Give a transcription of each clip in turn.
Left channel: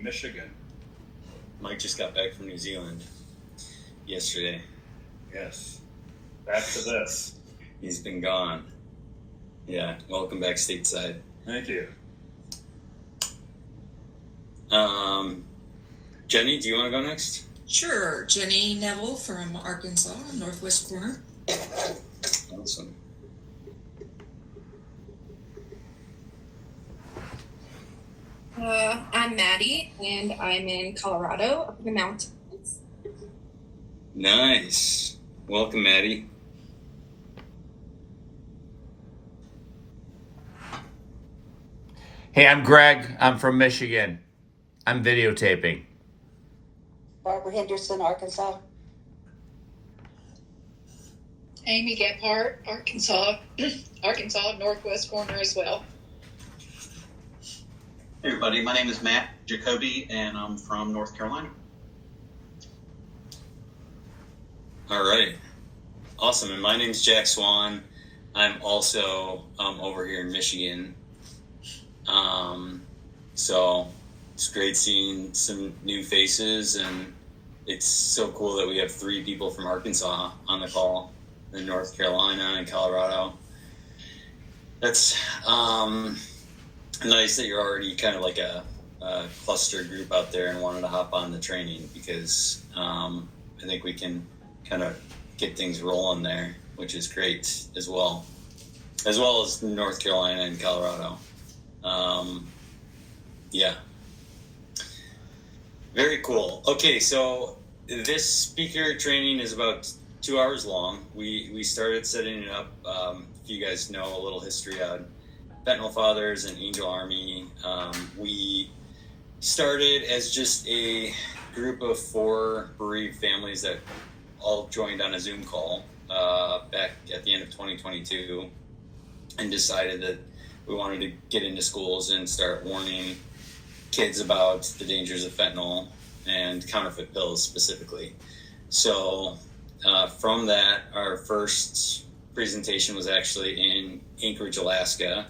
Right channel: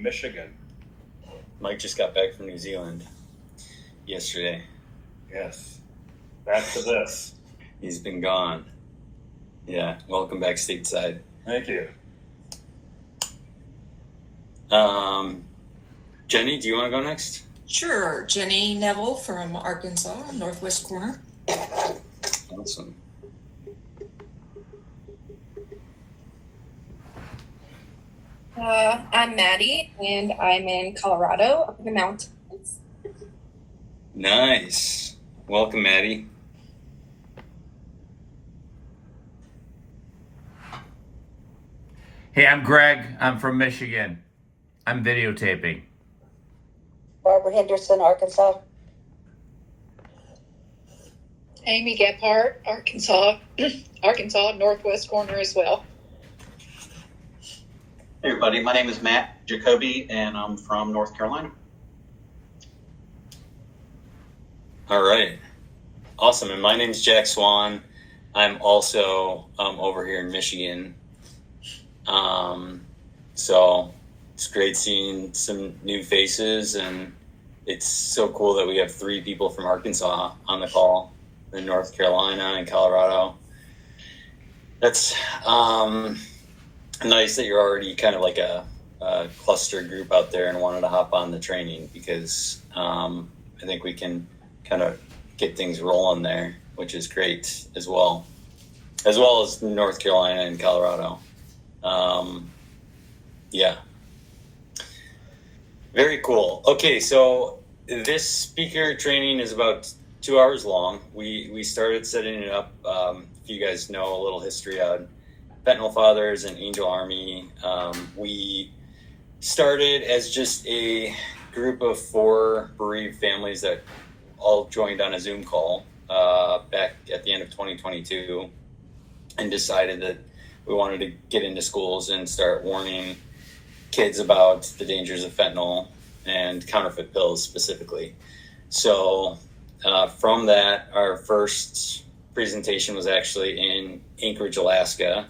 in Michigan. Mike just got back from New Zealand yesterday. Yes. Back to this. He's been gone. Yeah, welcome back stateside. Thank you. Jenny, do you want to go next? Sure. Jenny Neville from Arkansas, Northwest Corner. Awesome. I'm Maddie, and I'm in Colorado, up in the mountains. Nice. Welcome, Maddie. Hey, I'm Greg. I'm from Michigan. I'm videotaping. Barbara Henderson, Arkansas. Amy Gephardt, Arkansas, Northwest Corner as well. Hey everybody, my name is Matt Jacoby and I'm from North Carolina. All right. Awesome. And my name's Jack Swan. I'm also over here in Michigan. So it's great seeing some new faces, and it's so cool that we have 3 people from Arkansas on the call, in North Carolina and Colorado. That's nice that you're already kind of like a cluster group out there and wanted to hop on the training, because I think we can kind of get things rolling there, which is great as well as North Carolina and Colorado. Yeah. Very cool. Okay, so this speaker training is about 2 hours long. We started setting it up. If you guys know a little history on Fentanyl Fathers and Angel Army, we started as just a group of 4 bereaved families that all joined on a Zoom call back at the end of 2022, and decided that we wanted to get into schools and start warning kids about the dangers of fentanyl and counterfeit pills specifically. So from that, our first presentation was actually in Anchorage, Alaska.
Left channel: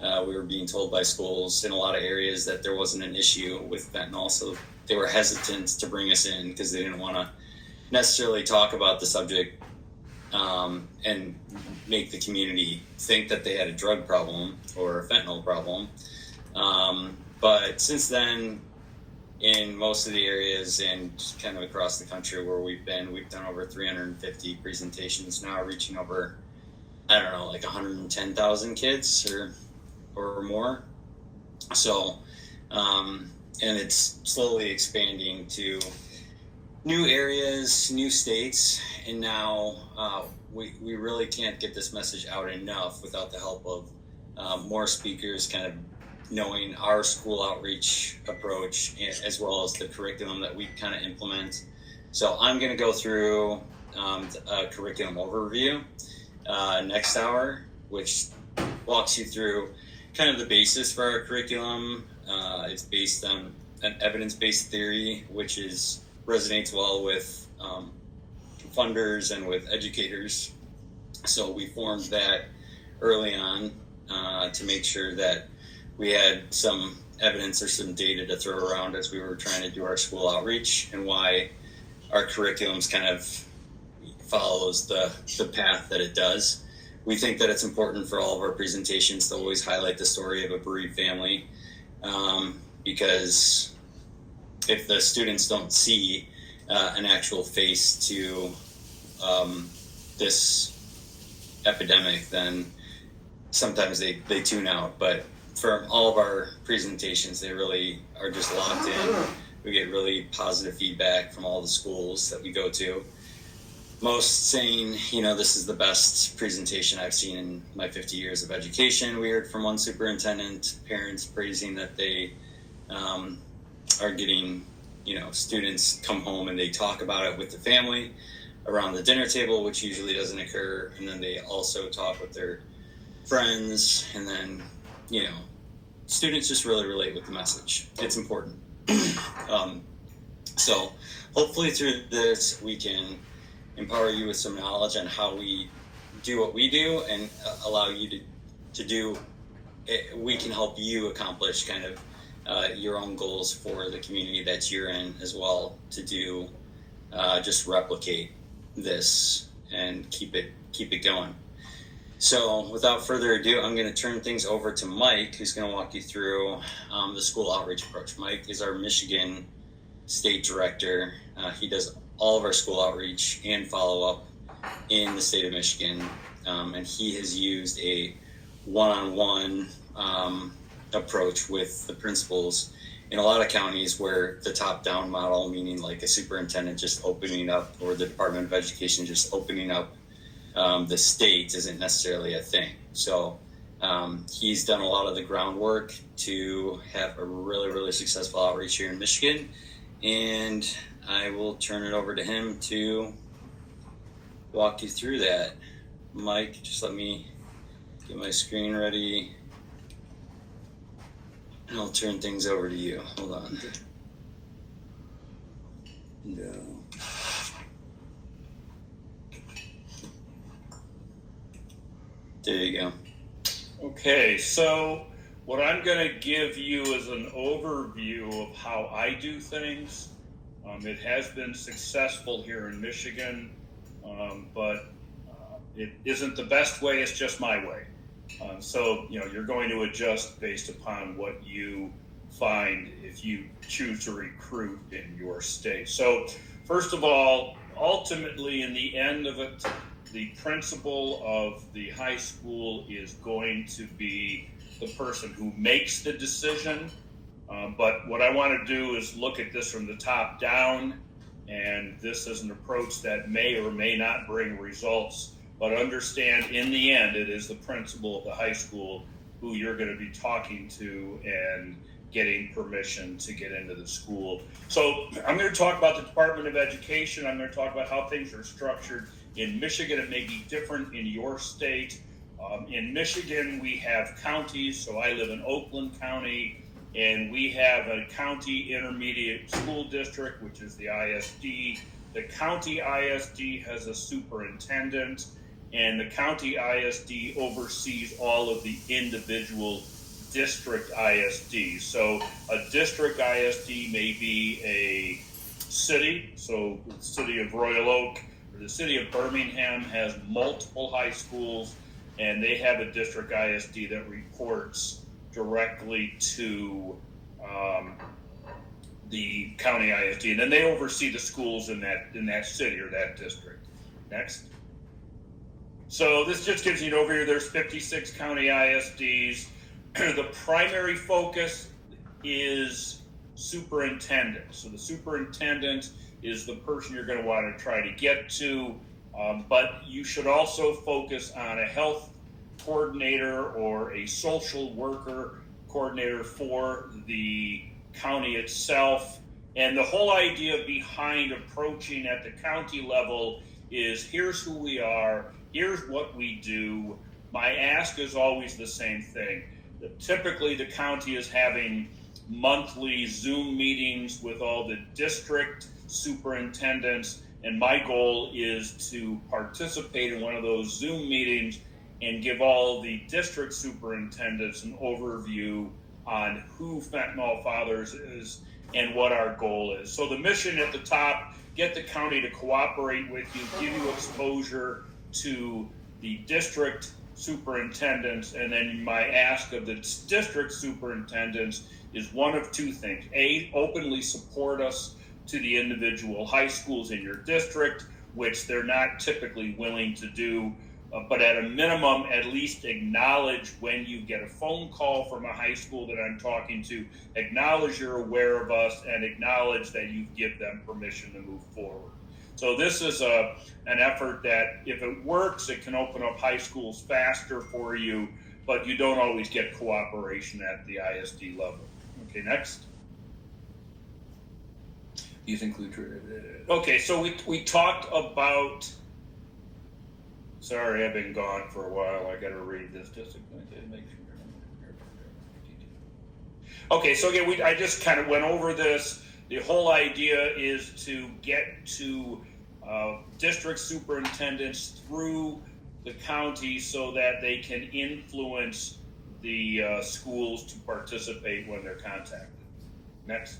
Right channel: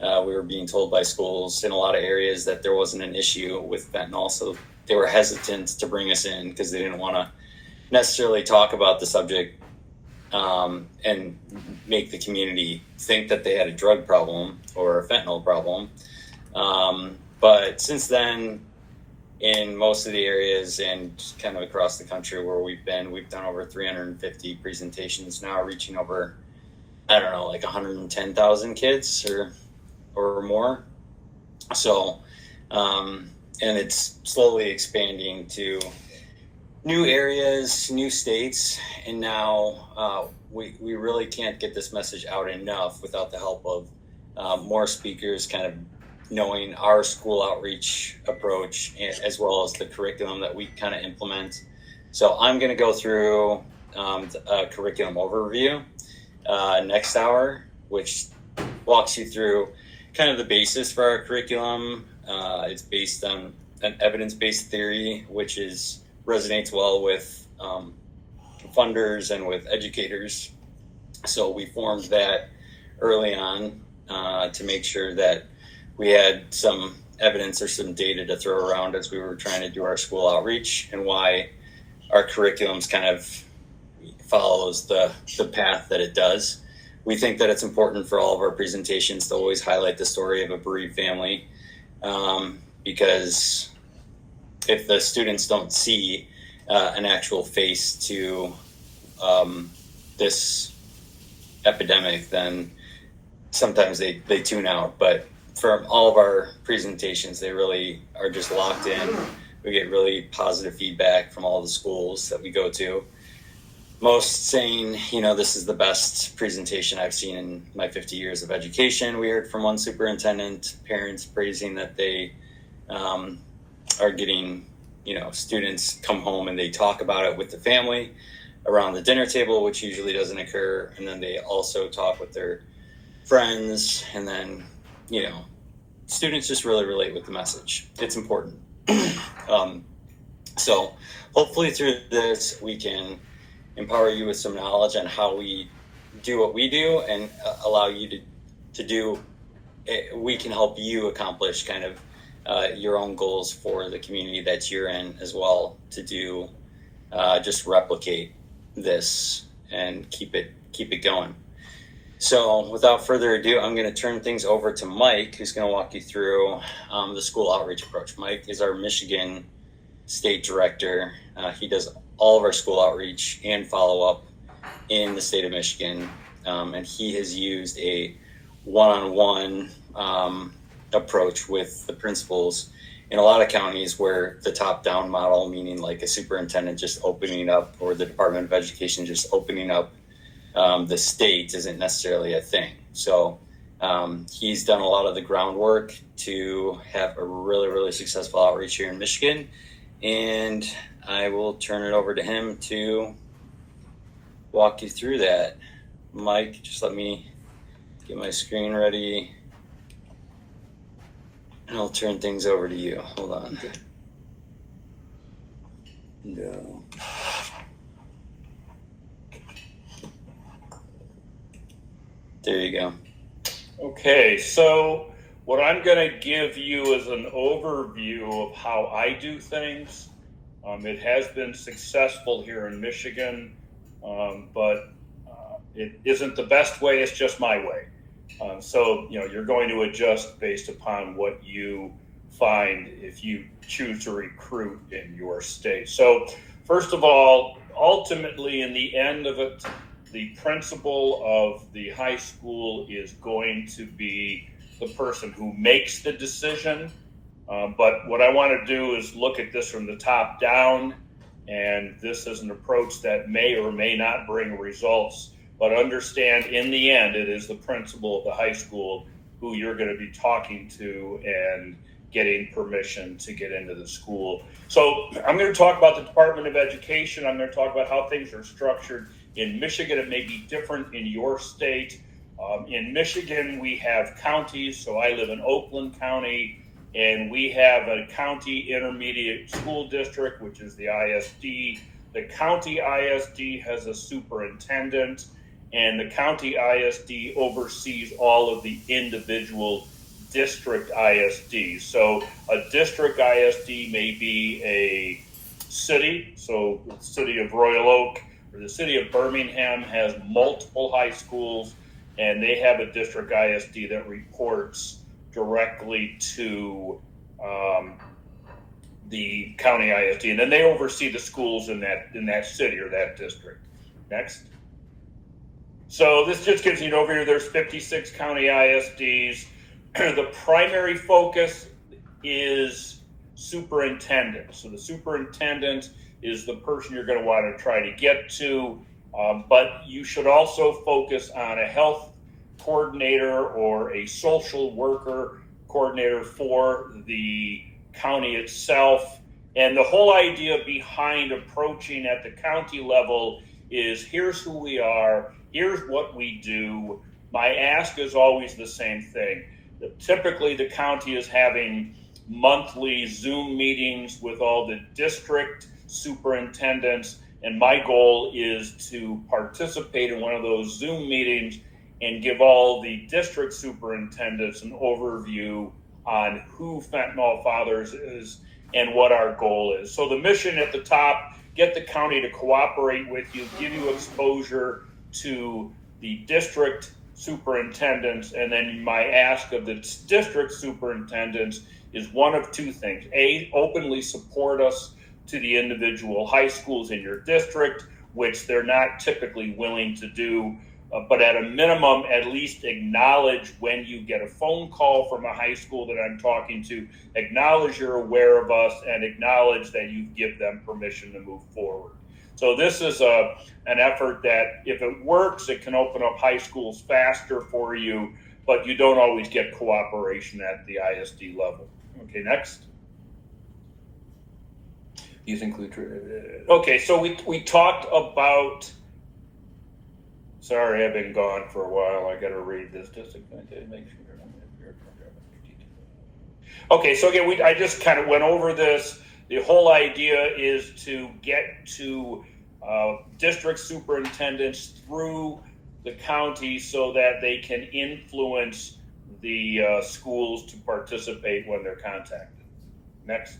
We were being told by schools in a lot of areas that there wasn't an issue with fentanyl, so they were hesitant to bring us in because they didn't want to necessarily talk about the subject and make the community think that they had a drug problem or a fentanyl problem. But since then, in most of the areas and kind of across the country where we've done over 350 presentations now, reaching over, I don't know, like 110,000 kids or more. So, and it's slowly expanding to new areas, new states, and now we really can't get this message out enough without the help of more speakers kind of knowing our school outreach approach, as well as the curriculum that we kind of implement. So I'm going to go through a curriculum overview next hour, which walks you through kind of the basis for our curriculum. It's based on an evidence-based theory, which resonates well with funders and with educators. So we formed that early on to make sure that we had some evidence or some data to throw around as we were trying to do our school outreach, and why our curriculums kind of follows the path that it does. We think that it's important for all of our presentations to always highlight the story of a bereaved family, because if the students don't see an actual face to this epidemic, then sometimes they tune out. But for all of our presentations, they really are just locked in. We get really positive feedback from all the schools that we go to. Most saying, this is the best presentation I've seen in my 50 years of education. We heard from one superintendent, parents praising that they are getting, students come home and they talk about it with the family around the dinner table, which usually doesn't occur. And then they also talk with their friends, and then, students just really relate with the message. It's important. So hopefully through this, we can empower you with some knowledge on how we do what we do, and allow you to do, we can help you accomplish kind of your own goals for the community that you're in as well to do, just replicate this and keep it going. So without further ado, I'm going to turn things over to Mike, who's going to walk you through the school outreach approach. Mike is our Michigan State Director. He does all of our school outreach and follow-up in the state of Michigan, and he has used a one-on-one approach with the principals in a lot of counties where the top-down model, meaning like a superintendent just opening up or the Department of Education just opening up the state, isn't necessarily a thing. So he's done a lot of the groundwork to have a really, really successful outreach here in Michigan, and I will turn it over to him to walk you through that. Mike, just let me get my screen ready, and I'll turn things over to you. Hold on. No. There you go. Okay, so what I'm going to give you is an overview of how I do things. It has been successful here in Michigan, but it isn't the best way. It's just my way. So, you're going to adjust based upon what you find if you choose to recruit in your state. So, first of all, ultimately, in the end of it, the principal of the high school is going to be the person who makes the decision. But what I want to do is look at this from the top down, and this is an approach that may or may not bring results, but understand in the end it is the principal of the high school who you're going to be talking to and getting permission to get into the school. So I'm going to talk about the Department of Education. I'm going to talk about how things are structured in Michigan. It may be different in your state. In Michigan, we have counties. So I live in Oakland County, and we have a county intermediate school district, which is the ISD. The county ISD has a superintendent, and the county ISD oversees all of the individual district ISDs. So a district ISD may be a city. So the city of Royal Oak or the city of Birmingham has multiple high schools, and they have a district ISD that reports directly to the county ISD, and then they oversee the schools in that city or that district. Next. So this just gives you an overview. There's 56 county ISDs. The primary focus is superintendent. So the superintendent is the person you're going to want to try to get to, but you should also focus on a health coordinator or a social worker coordinator for the county itself. And the whole idea behind approaching at the county level is here's who we are, here's what we do. My ask is always the same thing. Typically, the county is having monthly Zoom meetings with all the district superintendents, and my goal is to participate in one of those Zoom meetings and give all the district superintendents an overview on who Fentanyl Fathers is and what our goal is. So the mission at the top, get the county to cooperate with you, give you exposure to the district superintendents, and then my ask of the district superintendents is one of two things. A, openly support us to the individual high schools in your district, which they're not typically willing to do, but at a minimum, at least acknowledge when you get a phone call from a high school that I'm talking to, acknowledge you're aware of us and acknowledge that you give them permission to move forward. So this is an effort that, if it works, it can open up high schools faster for you, but you don't always get cooperation at the ISD level. Okay, next. These include. Okay, so we talked about. Sorry, I've been gone for a while. I got to read this just to make sure. Okay, so again, I just kind of went over this. The whole idea is to get to district superintendents through the county so that they can influence the schools to participate when they're contacted. Next.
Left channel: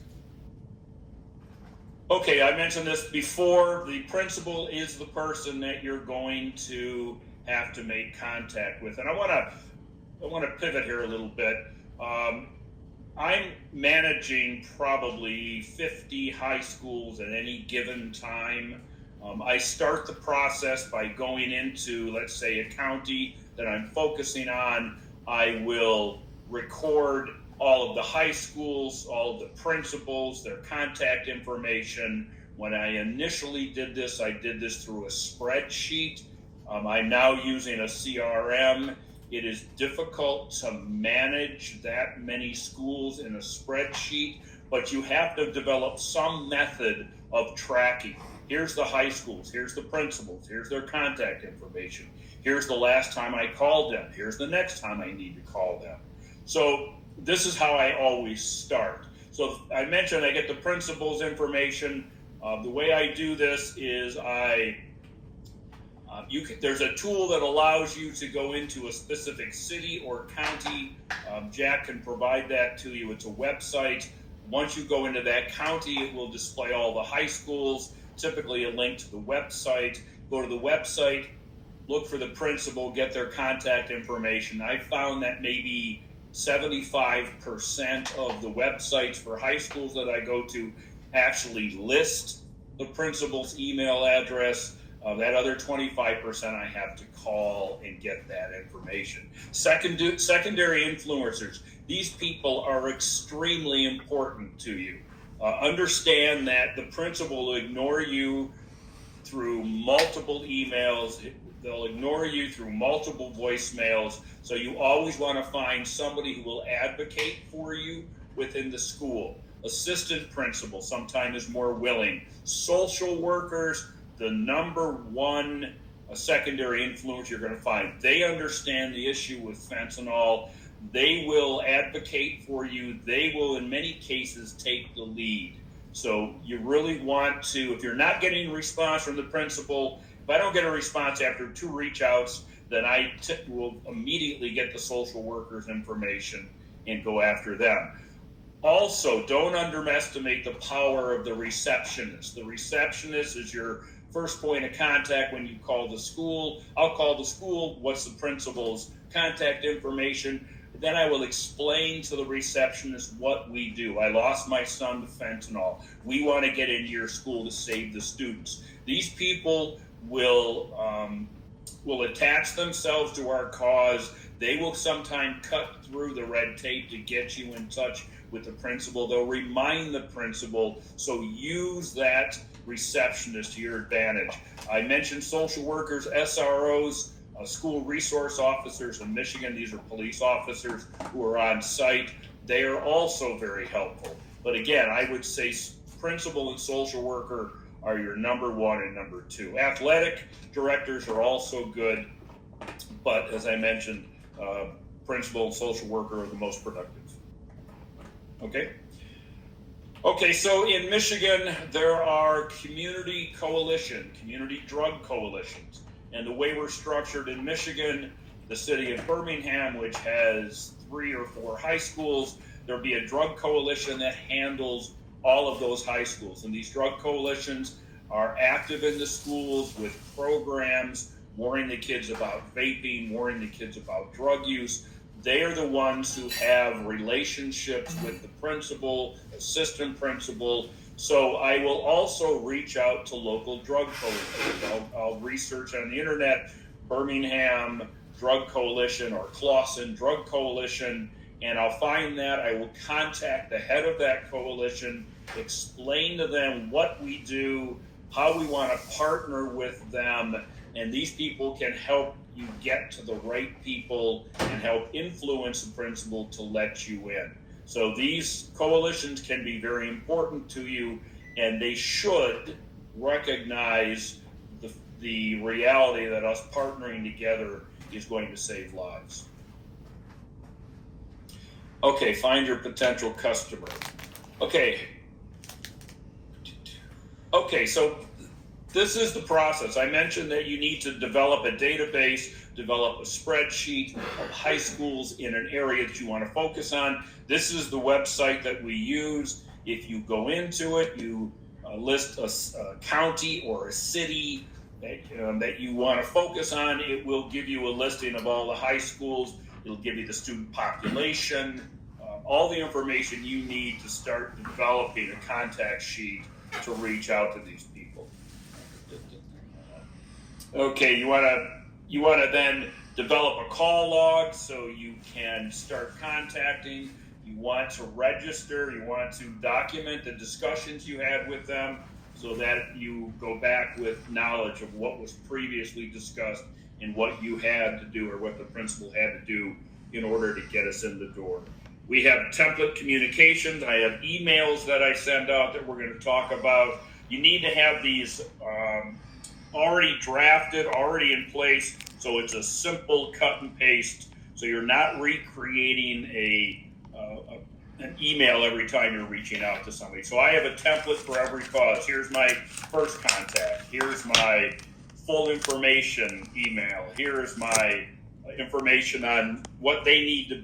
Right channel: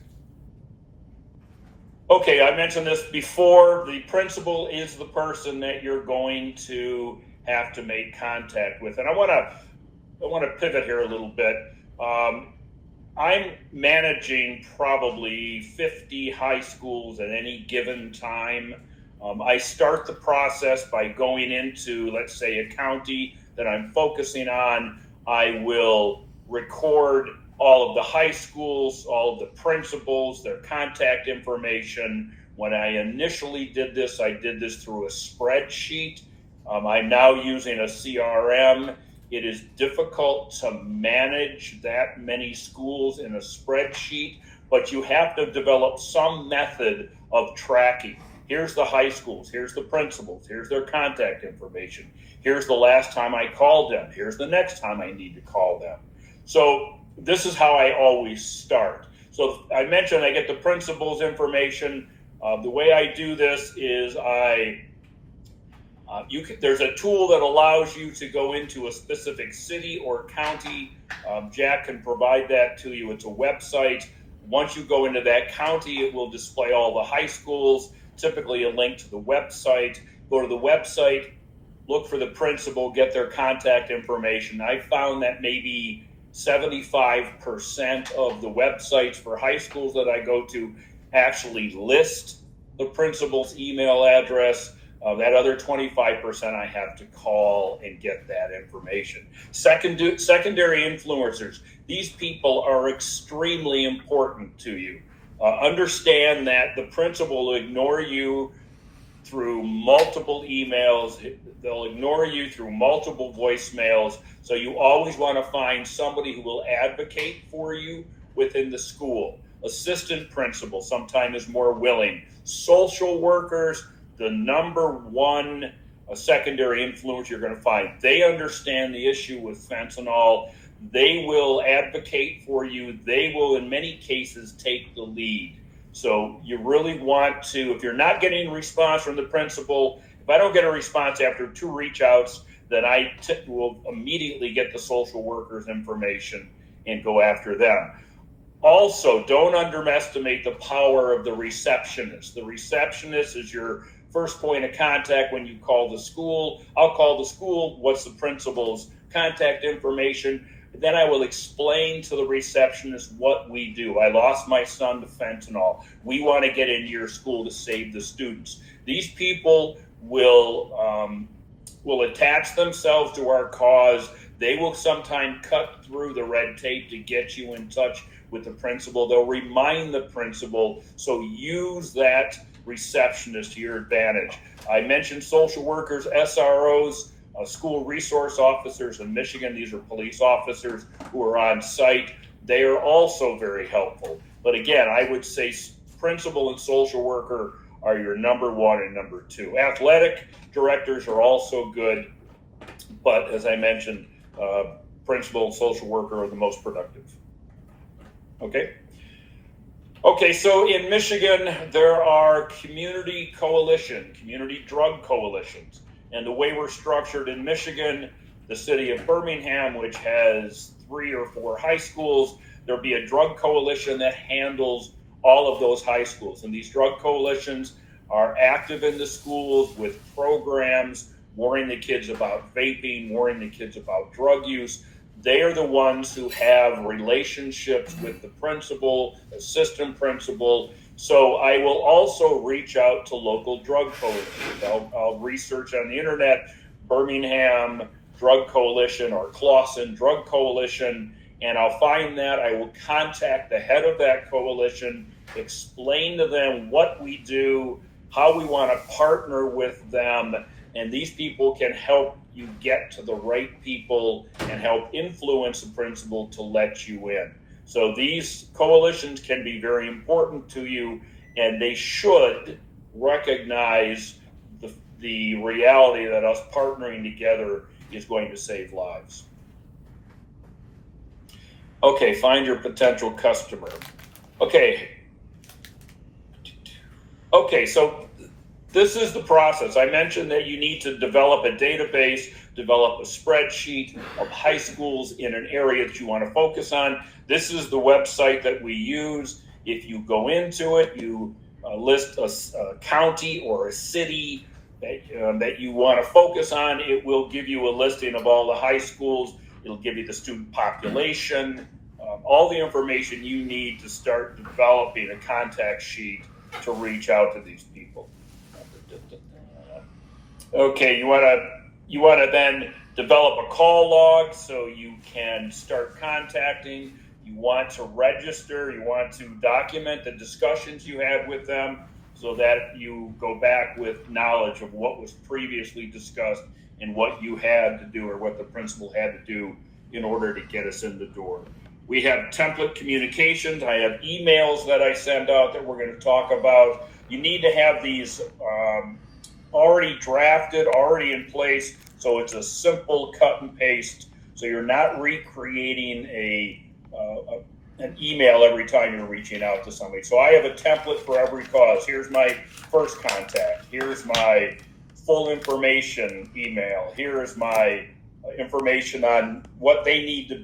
Okay, I mentioned this before. The principal is the person that you're going to have to make contact with. And I want to pivot here a little bit. I'm managing probably 50 high schools at any given time. I start the process by going into, let's say, a county that I'm focusing on. I will record all of the high schools, all of the principals, their contact information. When I initially did this, I did this through a spreadsheet. I'm now using a CRM. It is difficult to manage that many schools in a spreadsheet, but you have to develop some method of tracking. Here's the high schools, here's the principals, here's their contact information, here's the last time I called them, here's the next time I need to call them. So this is how I always start. So I mentioned I get the principal's information. The way I do this is there's a tool that allows you to go into a specific city or county. Jack can provide that to you. It's a website. Once you go into that county, it will display all the high schools, typically a link to the website. Go to the website, look for the principal, get their contact information. I found that maybe 75% of the websites for high schools that I go to actually list the principal's email address. That other 25% I have to call and get that information. Secondary influencers. These people are extremely important to you. Understand that the principal will ignore you through multiple emails. They'll ignore you through multiple voicemails. So you always want to find somebody who will advocate for you within the school. Assistant principal sometimes is more willing. Social workers, the number one secondary influence you're going to find. They understand the issue with fentanyl. They will advocate for you. They will, in many cases, take the lead. So you really want to, if you're not getting a response from the principal, if I don't get a response after 2 reach outs, then I will immediately get the social worker's information and go after them. Also, don't underestimate the power of the receptionist. The receptionist is your first point of contact when you call the school. I'll call the school. What's the principal's contact information? Then I will explain to the receptionist what we do. I lost my son to fentanyl. We want to get into your school to save the students. These people will attach themselves to our cause. They will sometimes cut through the red tape to get you in touch with the principal. They'll remind the principal. So use that receptionist to your advantage. I mentioned social workers, SROs, school resource officers in Michigan. These are police officers who are on site. They are also very helpful. But again, I would say principal and social worker are your number 1 and number 2. Athletic directors are also good, but as I mentioned, principal and social worker are the most productive. Okay, so in Michigan, there are community drug coalitions. And the way we're structured in Michigan, the city of Birmingham, which has 3 or 4 high schools, there'll be a drug coalition that handles all of those high schools. And these drug coalitions are active in the schools with programs, warning the kids about vaping, warning the kids about drug use. They are the ones who have relationships with the principal, assistant principal. So I will also reach out to local drug coalitions. I'll research on the internet, Birmingham Drug Coalition or Clawson Drug Coalition, and I'll find that. I will contact the head of that coalition, explain to them what we do, how we want to partner with them, and these people can help you get to the right people and help influence the principal to let you in. So these coalitions can be very important to you, and they should recognize the reality that us partnering together is going to save lives. Okay, find your potential customer. Okay, so this is the process. I mentioned that you need to develop a database, develop a spreadsheet of high schools in an area that you want to focus on. This is the website that we use. If you go into it, you list a county or a city that you want to focus on. It will give you a listing of all the high schools. It'll give you the student population, all the information you need to start developing a contact sheet to reach out to these people. Okay, you want to then develop a call log so you can start contacting. You want to register. You want to document the discussions you had with them so that you go back with knowledge of what was previously discussed and what you had to do or what the principal had to do in order to get us in the door. We have template communications. I have emails that I send out that we're going to talk about. You need to have these already drafted, already in place, so it's a simple cut and paste, so you're not recreating an email every time you're reaching out to somebody. So I have a template for every cause. Here's my first contact. Here's my full information email. Here is my information on what they need to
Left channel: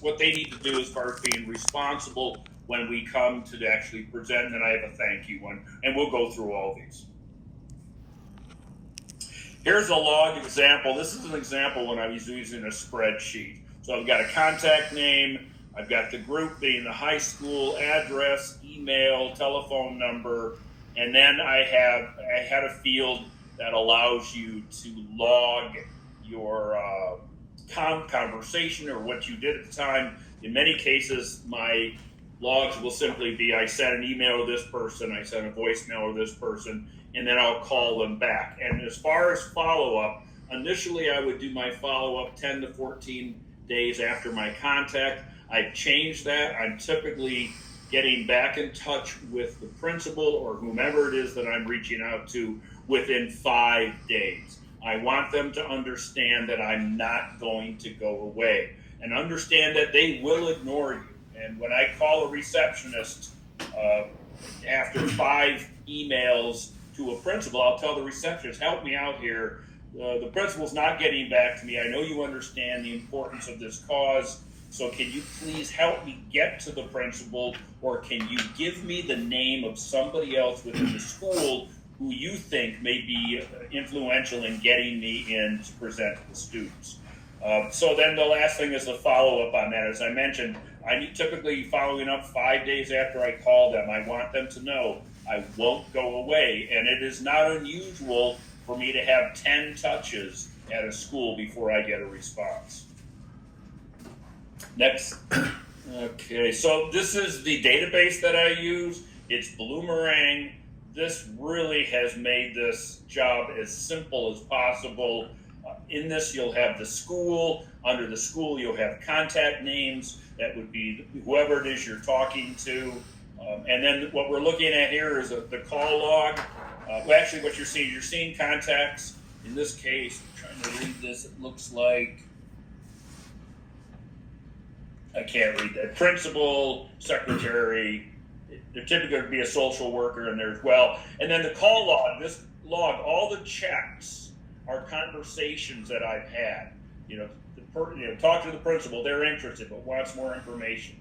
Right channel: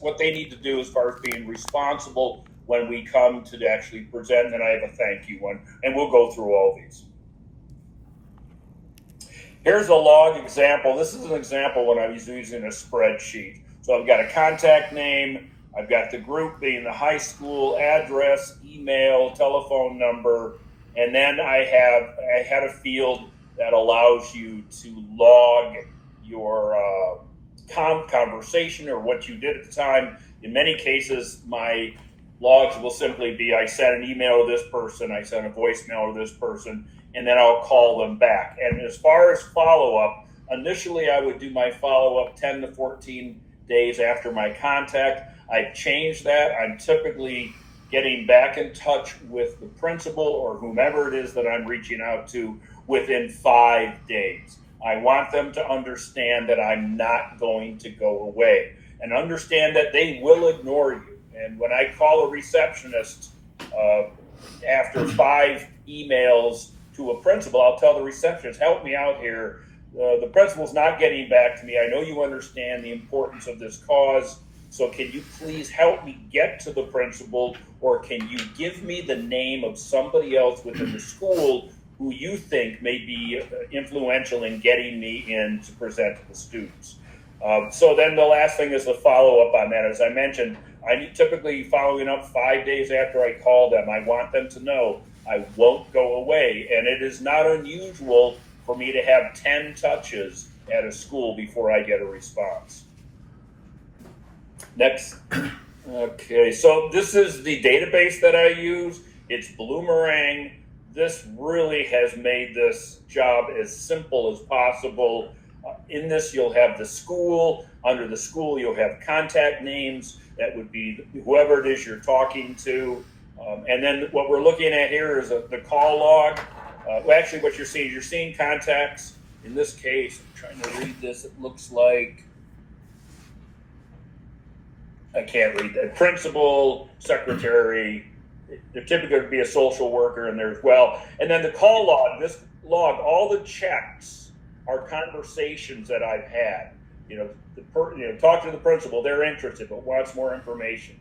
what they need to do as far as being responsible when we come to actually present. And then I have a thank you one, and we'll go through all these. Here's a log example. This is an example when I was using a spreadsheet. So I've got a contact name. I've got the group being the high school, address, email, telephone number, and then I had a field that allows you to log your conversation or what you did at the time. In many cases, my logs will simply be, I sent an email to this person, I sent a voicemail to this person, and then I'll call them back. And as far as follow-up, initially I would do my follow-up 10 to 14 days after my contact. I've changed that. I'm typically getting back in touch with the principal or whomever it is that I'm reaching out to within 5 days. I want them to understand that I'm not going to go away and understand that they will ignore you. And when I call a receptionist after 5 emails to a principal, I'll tell the receptionist, help me out here. The principal's not getting back to me. I know you understand the importance of this cause. So can you please help me get to the principal, or can you give me the name of somebody else within the school who you think may be influential in getting me in to present to the students? So then the last thing is the follow-up on that. As I mentioned, I need typically following up 5 days after I call them. I want them to know I won't go away. And it is not unusual for me to have 10 touches at a school before I get a response. Next. Okay, so this is the database that I use. It's Bloomerang. This really has made this job as simple as possible. In this, you'll have the school. Under the school, you'll have contact names. That would be whoever it is you're talking to. And then what we're looking at here is the call log. Actually, what you're seeing contacts. In this case, I'm trying to read this. It looks like, I can't read that. Principal, secretary. There typically would be a social worker in there as well. And then the call log, this log, all the checks are conversations that I've had. Talk to the principal, they're interested but wants more information.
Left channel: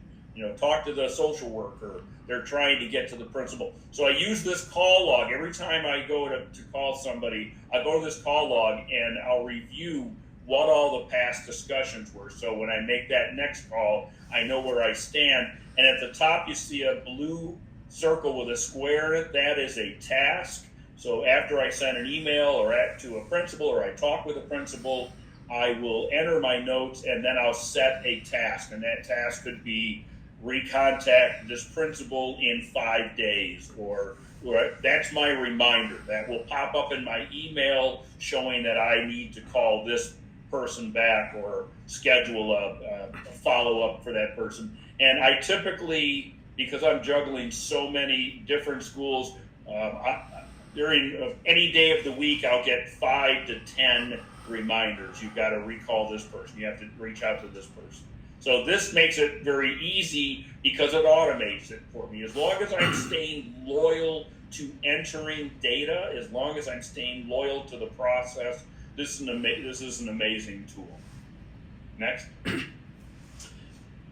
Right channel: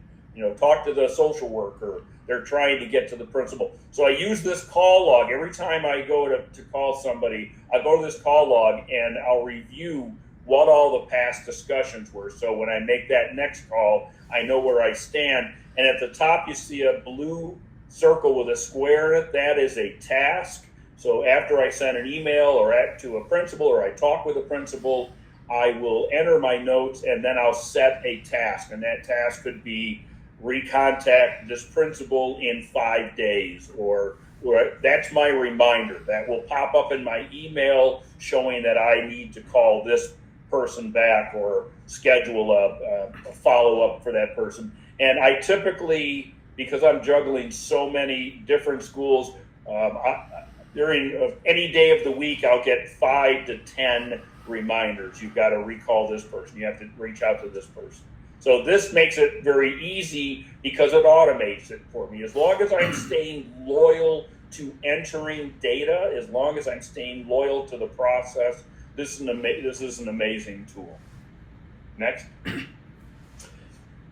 Talk to the social worker, they're trying to get to the principal. So I use this call log every time I go to call somebody. I go to this call log and I'll review what all the past discussions were. So when I make that next call, I know where I stand. And at the top, you see a blue circle with a square in it. That is a task. So after I send an email to a principal or I talk with a principal, I will enter my notes and then I'll set a task. And that task could be recontact this principal in 5 days, or that's my reminder. That will pop up in my email showing that I need to call this person back or schedule a follow-up for that person. And I typically, because I'm juggling so many different schools, during any day of the week, I'll get 5 to 10 reminders. You've got to recall this person. You have to reach out to this person. So this makes it very easy because it automates it for me. As long as I'm staying loyal to entering data, as long as I'm staying loyal to the process, this is an amazing tool. Next.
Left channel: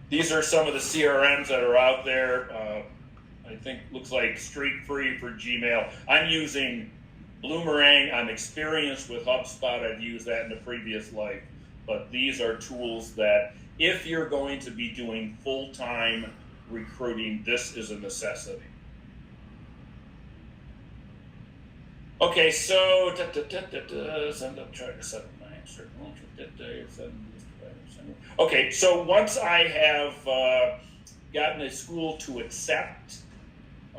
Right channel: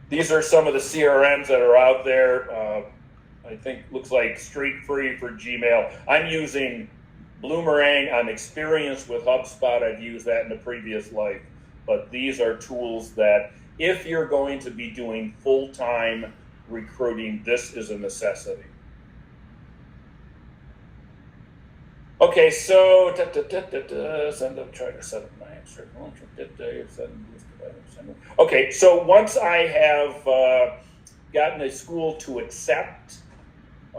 These are some of the CRMs that are out there. I think looks like Street Free for Gmail. I'm using Bloomerang. I'm experienced with HubSpot. I've used that in a previous life. But these are tools that if you're going to be doing full-time recruiting, this is a necessity. Okay, so send up, try to set up my answer. Okay, so once I have gotten a school to accept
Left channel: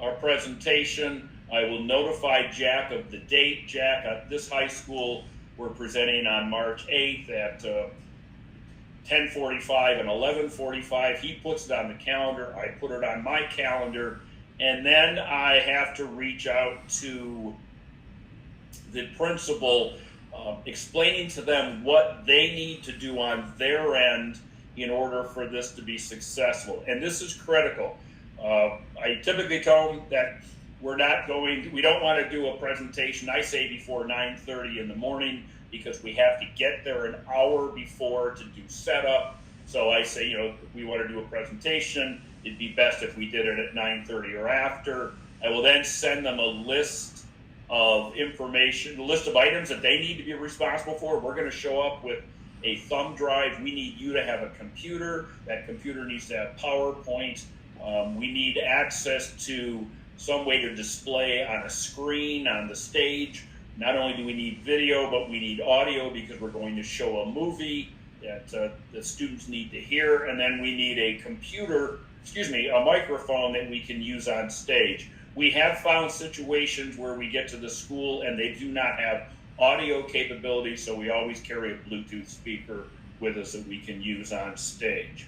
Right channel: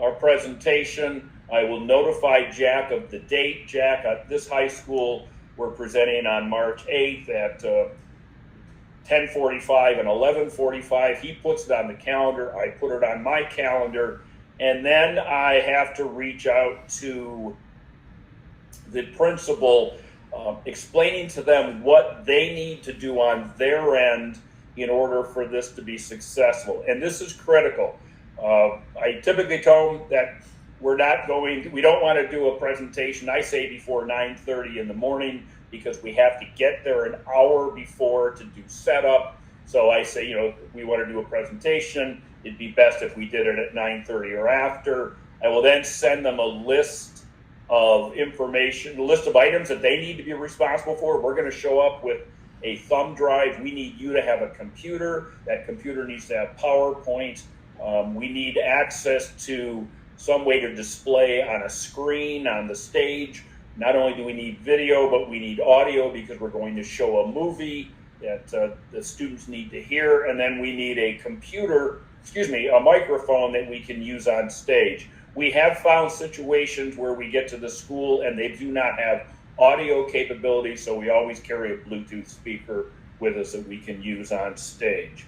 our presentation, I will notify Jack of the date. Jack, at this high school, we're presenting on March 8th at 10:45 and 11:45. He puts it on the calendar. I put it on my calendar. And then I have to reach out to the principal, explaining to them what they need to do on their end in order for this to be successful. And this is critical. I typically tell them that we don't want to do a presentation, I say, before 9:30 in the morning, because we have to get there an hour before to do setup. So I say, we want to do a presentation. It'd be best if we did it at 9:30 or after. I will then send them a list of information, a list of items that they need to be responsible for. We're going to show up with a thumb drive. We need you to have a computer. That computer needs to have PowerPoint. We need access to some way to display on a screen on the stage. Not only do we need video, but we need audio, because we're going to show a movie that the students need to hear. And then we need a microphone that we can use on stage. We have found situations where we get to the school and they do not have audio capabilities, so we always carry a Bluetooth speaker with us that we can use on stage.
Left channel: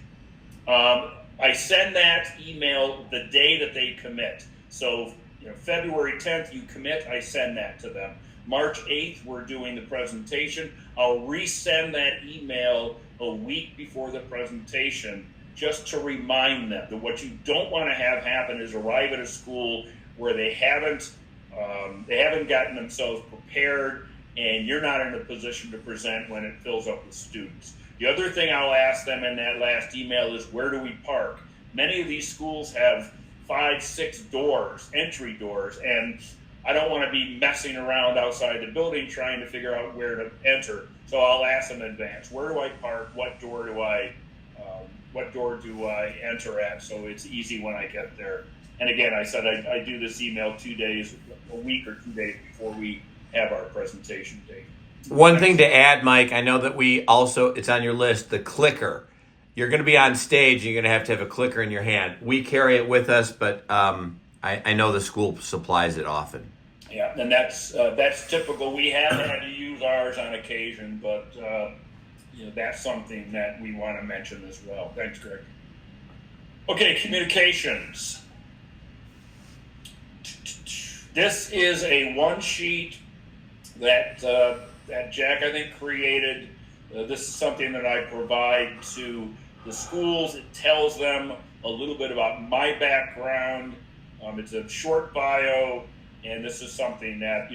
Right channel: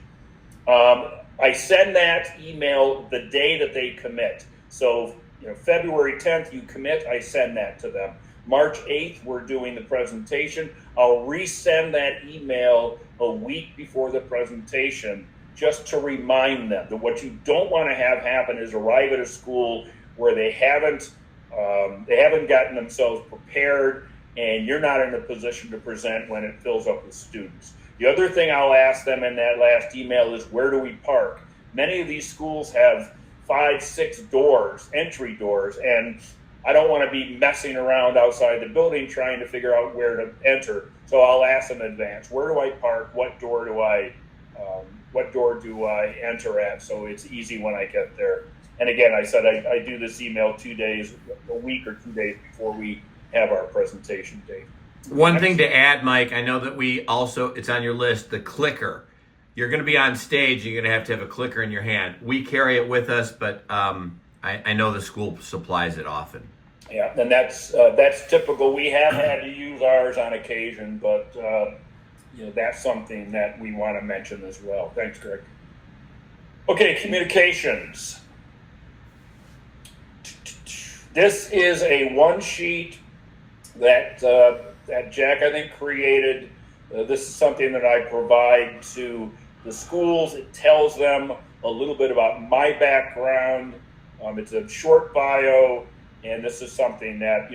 I send that email the day that they commit. So, February 10th, you commit, I send that to them. March 8th, we're doing the presentation. I'll resend that email a week before the presentation, just to remind them that what you don't want to have happen is arrive at a school where they haven't gotten themselves prepared, and you're not in a position to present when it fills up with students. The other thing I'll ask them in that last email is, where do we park? Many of these schools have 5-6 doors, entry doors, and I don't want to be messing around outside the building trying to figure out where to enter. So I'll ask them in advance, where do I park? What door do I enter at? So it's easy when I get there. And again, I said I do this email a week or 2 days before we have our presentation date. One thing to add, Mike, I know that it's on your list, the clicker. You're going to be on stage, you're going to have a clicker in your hand. We carry it with us, but I know the school supplies it often. Yeah, and that's typical. We have had to use ours on occasion, but that's something that we want to mention as well. Thanks, Greg. Okay, communications. This is a one sheet that Jack, I think, created. This is something that I provide to the schools. It tells them a little bit about my background. It's a short bio, and this is something that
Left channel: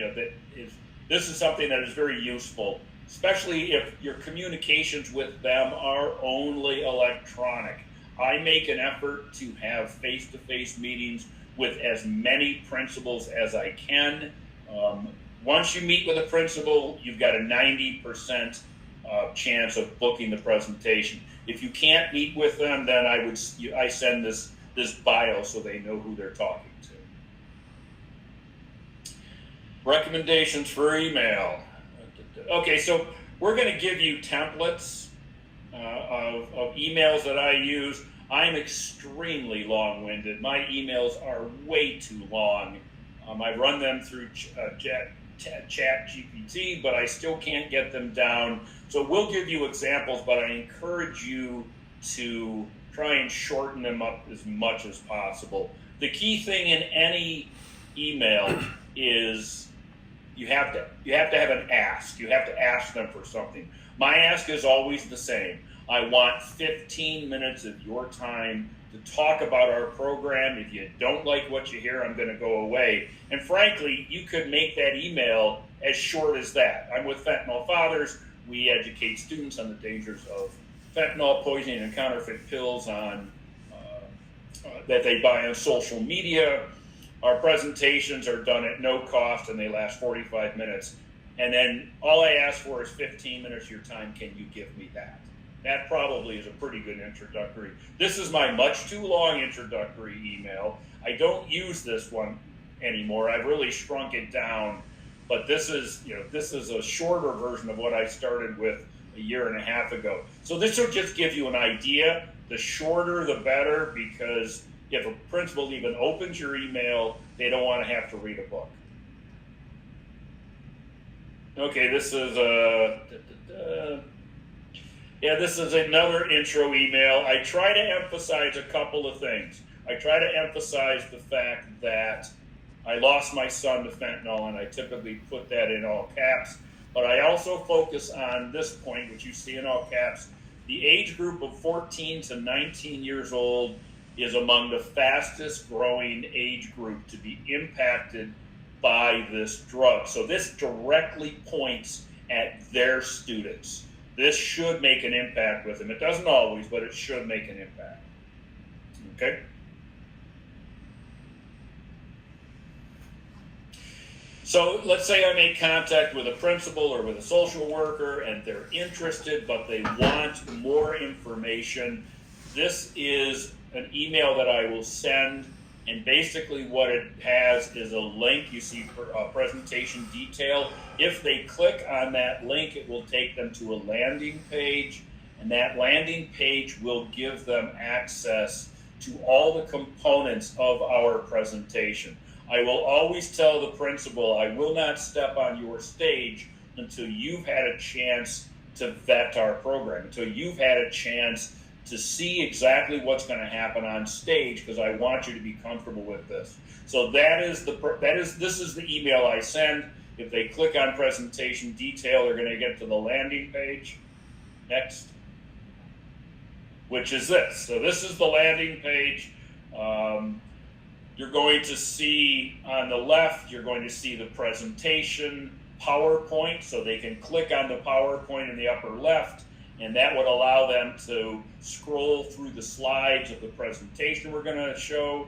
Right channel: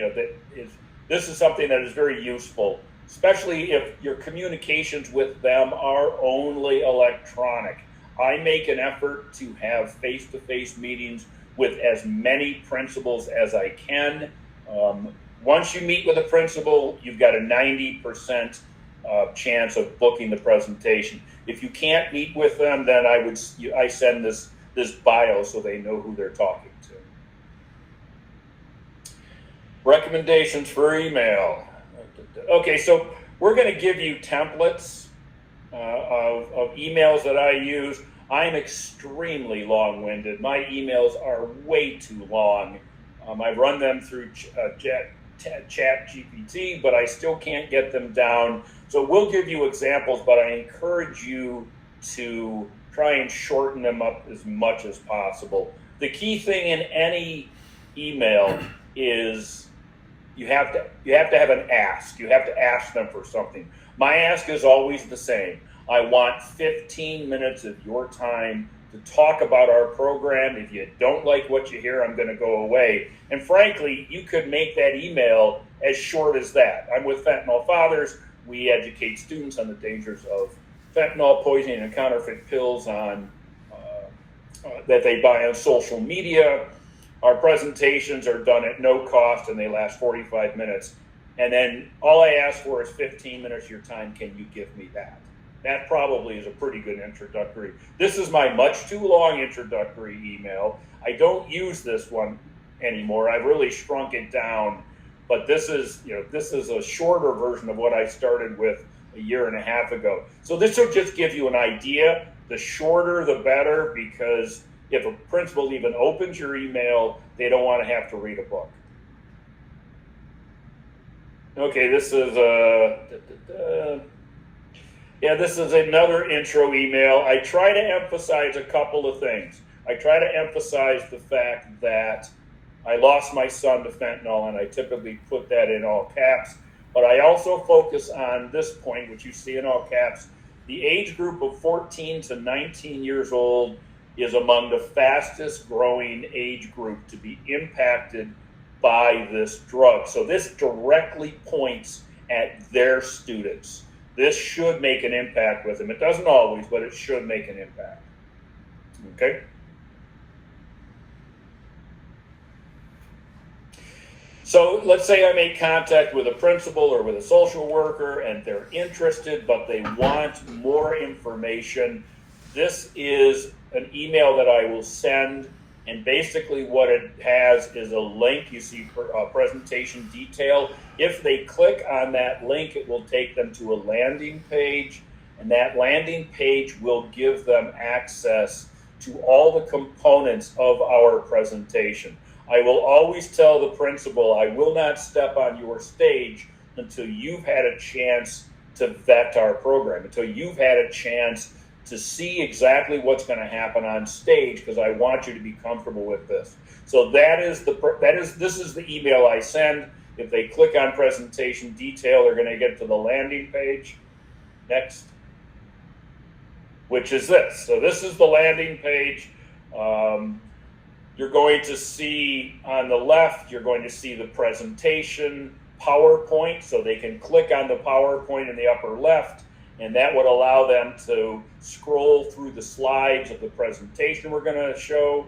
that is very useful, especially if your communications with them are only electronic. I make an effort to have face-to-face meetings with as many principals as I can. Once you meet with a principal, you've got a 90% chance of booking the presentation. If you can't meet with them, then I send this bio so they know who they're talking to. Recommendations for email. Okay, so we're going to give you templates of emails that I use. I'm extremely long-winded. My emails are way too long. I run them through ChatGPT, but I still can't get them down. So we'll give you examples, but I encourage you to try and shorten them up as much as possible. The key thing in any email is you have to have an ask. You have to ask them for something. My ask is always the same. I want 15 minutes of your time to talk about our program. If you don't like what you hear, I'm going to go away. And frankly, you could make that email as short as that. I'm with Fentanyl Fathers. We educate students on the dangers of fentanyl, poisoning, and counterfeit pills on that they buy on social media. Our presentations are done at no cost and they last 45 minutes. And then all I ask for is 15 minutes of your time. Can you give me that? That probably is a pretty good introductory. This is my much too long introductory email. I don't use this one anymore. I've really shrunk it down, but this is a shorter version of what I started with a year and a half ago. So this will just give you an idea. The shorter, the better, because if a principal even opens your email, they don't want to have to read a book. Okay, this is this is another intro email. I try to emphasize a couple of things. I try to emphasize the fact that I lost my son to fentanyl, and I typically put that in all caps. But I also focus on this point, which you see in all caps. The age group of 14 to 19 years old is among the fastest growing age group to be impacted by this drug. So this directly points at their students. This should make an impact with them. It doesn't always, but it should make an impact. Okay? So let's say I make contact with a principal or with a social worker and they're interested, but they want more information. This is an email that I will send, and basically what it has is a link. You see presentation detail. If they click on that link, it will take them to a landing page, and that landing page will give them access to all the components of our presentation. I will always tell the principal, I will not step on your stage until you've had a chance to vet our program, until you've had a chance to see exactly what's going to happen on stage, because I want you to be comfortable with this. So this is the email I send. If they click on presentation detail, they're going to get to the landing page. Next. Which is this. So this is the landing page. You're going to see on the left, you're going to see the presentation PowerPoint, so they can click on the PowerPoint in the upper left, and that would allow them to scroll through the slides of the presentation we're going to show.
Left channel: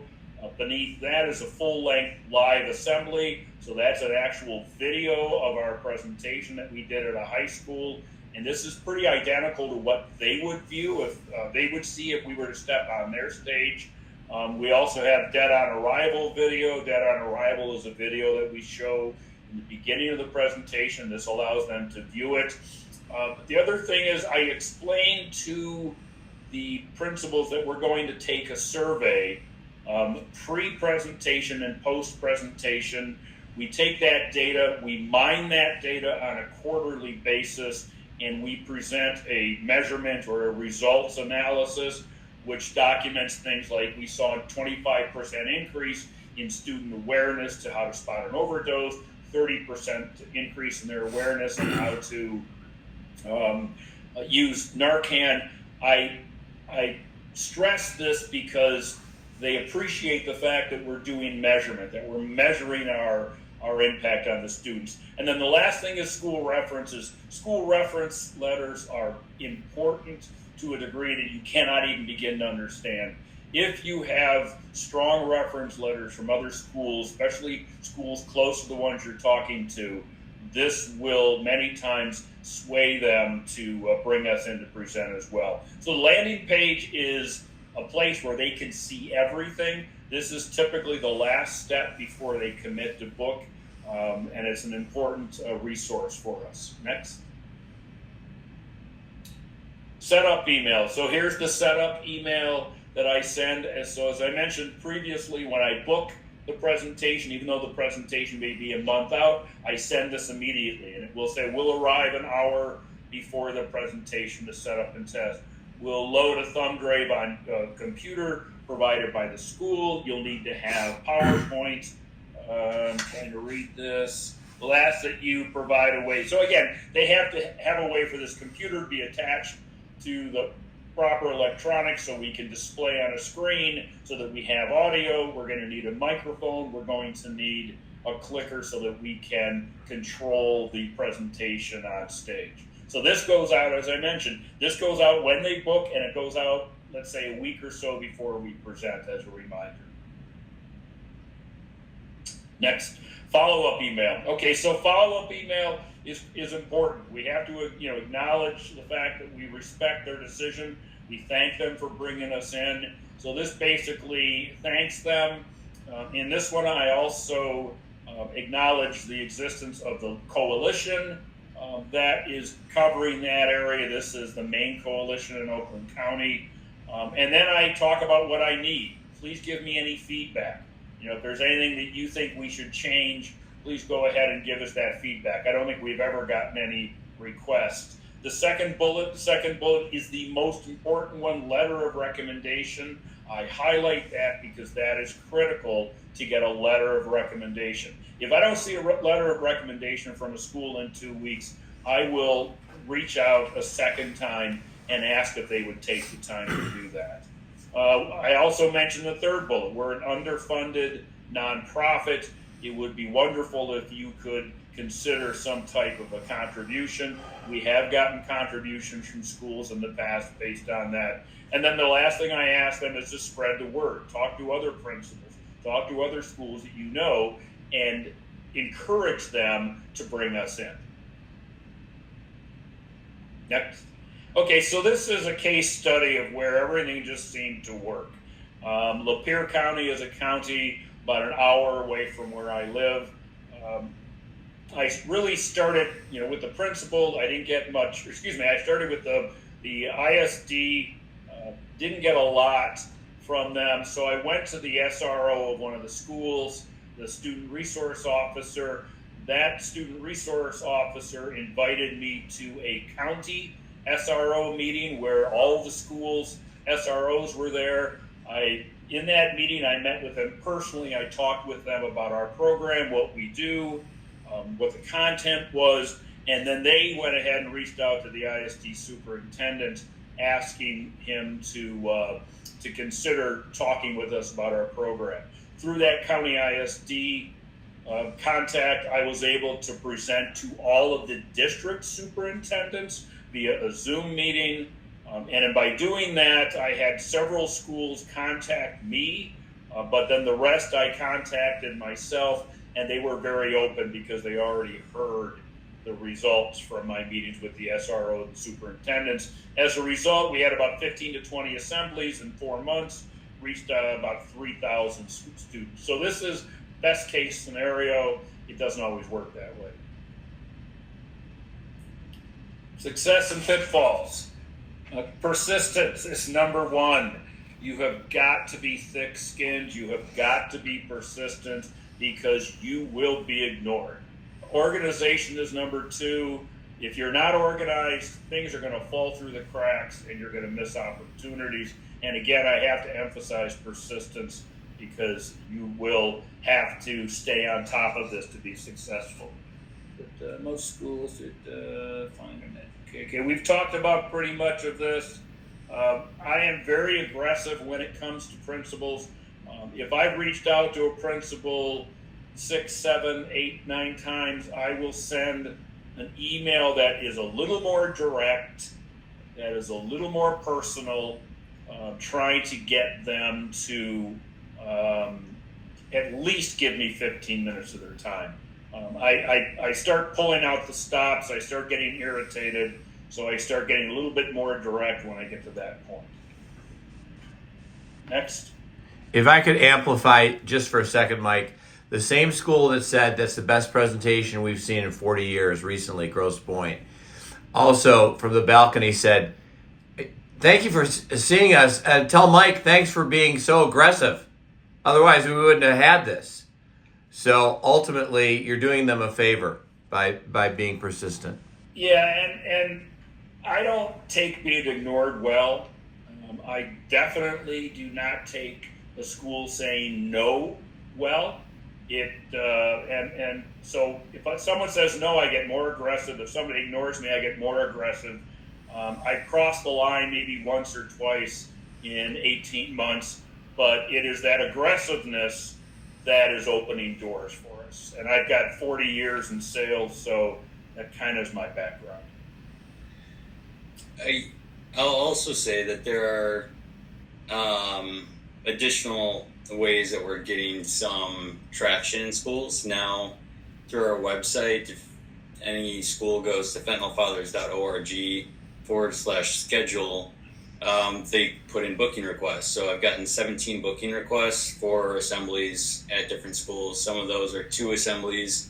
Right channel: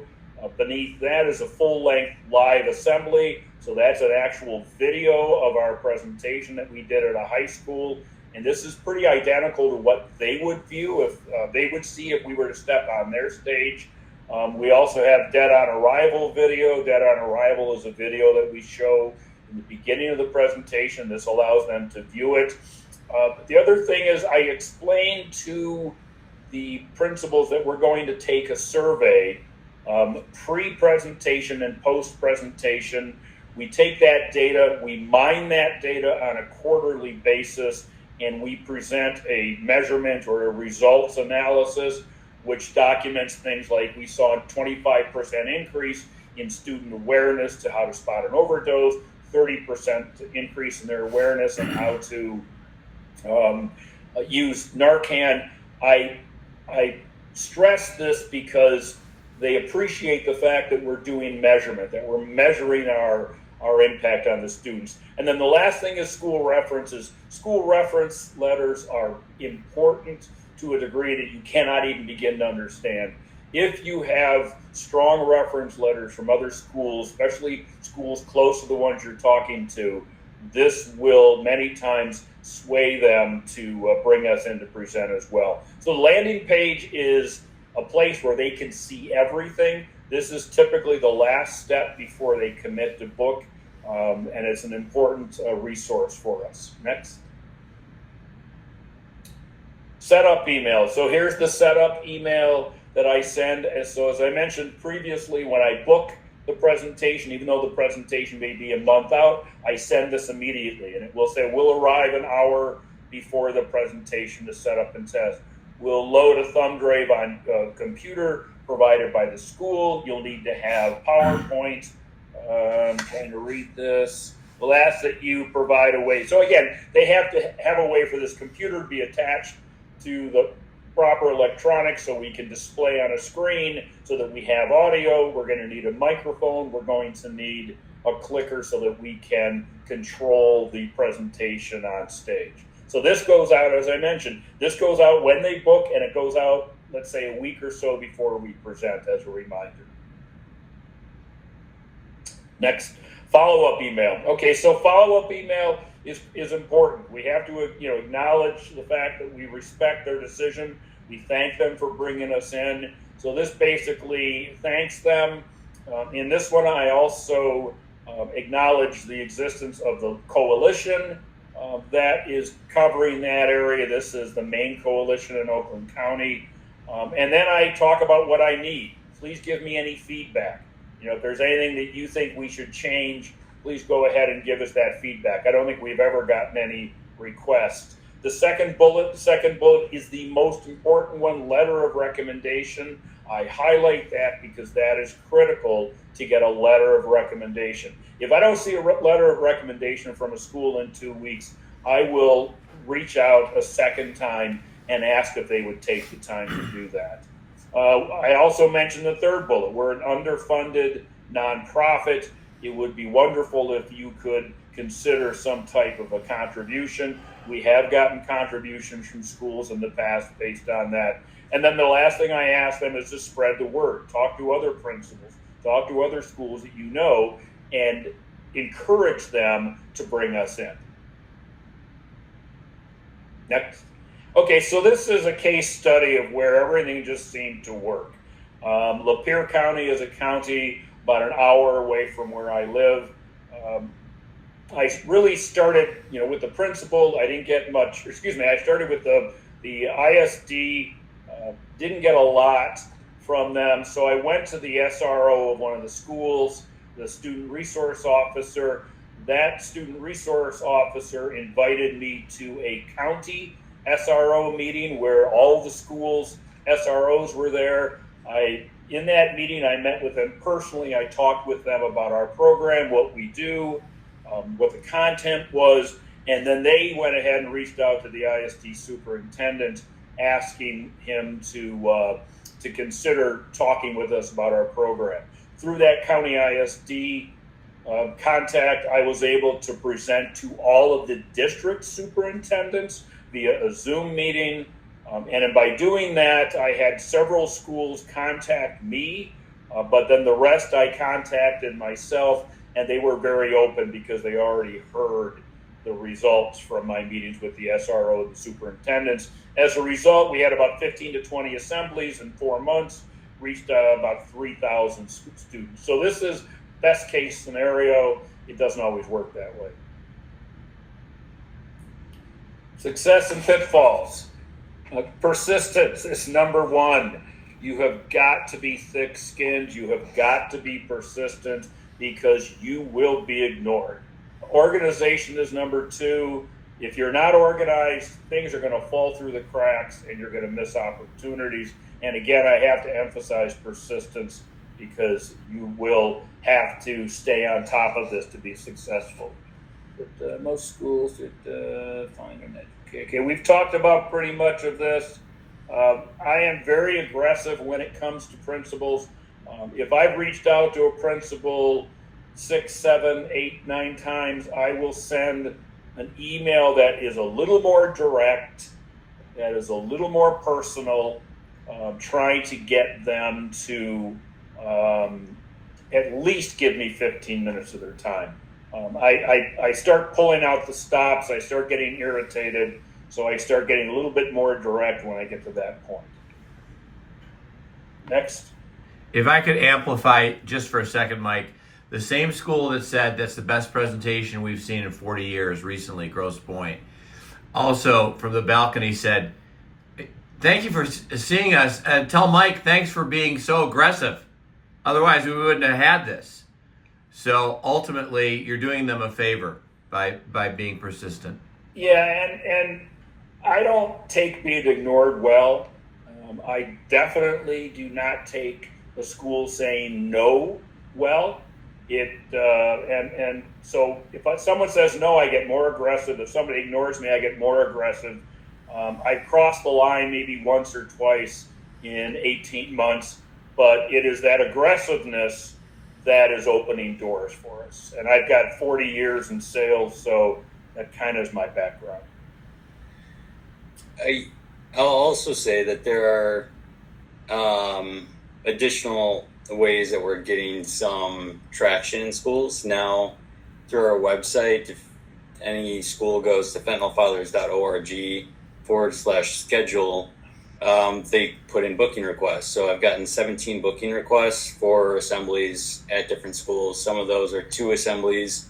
Beneath that is a full-length live assembly, so that's an actual video of our presentation that we did at a high school, and this is pretty identical to what they would view if they would see if we were to step on their stage. We also have Dead on Arrival video. Dead on Arrival is a video that we show in the beginning of the presentation. This allows them to view it. But the other thing is I explained to the principals that we're going to take a survey pre-presentation and post-presentation. We take that data, we mine that data on a quarterly basis, and we present a measurement or a results analysis which documents things like we saw a 25% increase in student awareness to how to spot an overdose, 30% increase in their awareness on how to use Narcan. I stress this because they appreciate the fact that we're doing measurement, that we're measuring our impact on the students. And then the last thing is school references. School reference letters are important to a degree that you cannot even begin to understand. If you have strong reference letters from other schools, especially schools close to the ones you're talking to, this will many times sway them to bring us in to present as well. So the landing page is a place where they can see everything. This is typically the last step before they commit to book, and it's an important resource for us. Next. Setup email. So here's the setup email that I send. So as I mentioned previously, when I book the presentation, even though the presentation may be a month out, I send this immediately, and it will say we'll arrive an hour before the presentation to set up and test. We'll load a thumb drive on a computer provided by the school. You'll need to have PowerPoint. I'm trying to read this. We'll ask that you provide a way. So again, they have to have a way for this computer to be attached to the proper electronics so we can display on a screen so that we have audio. We're going to need a microphone. We're going to need a clicker so that we can control the presentation on stage. So this goes out, as I mentioned, this goes out when they book, and it goes out let's say a week or so before we present as a reminder. Next, follow-up email. Okay, so follow-up email is important. We have to, acknowledge the fact that we respect their decision. We thank them for bringing us in. So this basically thanks them. In this one, I also acknowledge the existence of the coalition that is covering that area. This is the main coalition in Oakland County. And then I talk about what I need. Please give me any feedback. If there's anything that you think we should change, please go ahead and give us that feedback. I don't think we've ever gotten any requests. The second bullet is the most important one, letter of recommendation. I highlight that because that is critical to get a letter of recommendation. If I don't see a letter of recommendation from a school in 2 weeks, I will reach out a second time and ask if they would take the time to do that. I also mentioned the third bullet. We're an underfunded nonprofit. It would be wonderful if you could consider some type of a contribution. We have gotten contributions from schools in the past based on that. And then the last thing I ask them is to spread the word. Talk to other principals, talk to other schools that you know, and encourage them to bring us in. Next. Okay, so this is a case study of where everything just seemed to work. Lapeer County is a county about an hour away from where I live. I really started, with the principal. I didn't get much. I started with the ISD. Didn't get a lot from them, so I went to the SRO of one of the schools, the student resource officer. That student resource officer invited me to a county SRO meeting where all the schools SROs were there. In that meeting, I met with them personally. I talked with them about our program, what we do, what the content was, and then they went ahead and reached out to the ISD superintendent, asking him to consider talking with us about our program. Through that county ISD contact, I was able to present to all of the district superintendents via a Zoom meeting. And by doing that, I had several schools contact me, but then the rest I contacted myself, and they were very open because they already heard the results from my meetings with the SRO and the superintendents. As a result, we had about 15 to 20 assemblies in 4 months, reached about 3,000 students. So this is best case scenario. It doesn't always work that way. Success and pitfalls. Persistence is number one. You have got to be thick-skinned. You have got to be persistent because you will be ignored. Organization is number two. If you're not organized, things are going to fall through the cracks and you're going to miss opportunities. And again, I have to emphasize persistence because you will have to stay on top of this to be successful. But most schools find an education. Okay, we've talked about pretty much of this. I am very aggressive when it comes to principals. If I've reached out to a principal 6, 7, 8, 9 times, I will send an email that is a little more direct, that is a little more personal, trying to get them to at least give me 15 minutes of their time. I start pulling out the stops, I start getting irritated, so I start getting a little bit more direct when I get to that point. Next. If I could amplify just for a second, Mike, the same school that said that's the best presentation we've seen in 40 years recently, Grosse Pointe, also from the balcony said, thank you for seeing us, and tell Mike thanks for being so aggressive. Otherwise, we wouldn't have had this. So ultimately, you're doing them a favor by being persistent. Yeah, and I don't take being ignored well. I definitely do not take the school saying no well. And so if someone says no, I get more aggressive. If somebody ignores me, I get more aggressive. I crossed the line maybe once or twice in 18 months, but it is that aggressiveness that is opening doors for us. And I've got 40 years in sales, so that kind of is my background. I'll also say that there are additional ways that we're getting some traction in schools now through our website. If any school goes to fentonfalls.org/schedule, they put in booking requests. So I've gotten 17 booking requests for assemblies at different schools. Some of those are 2 assemblies,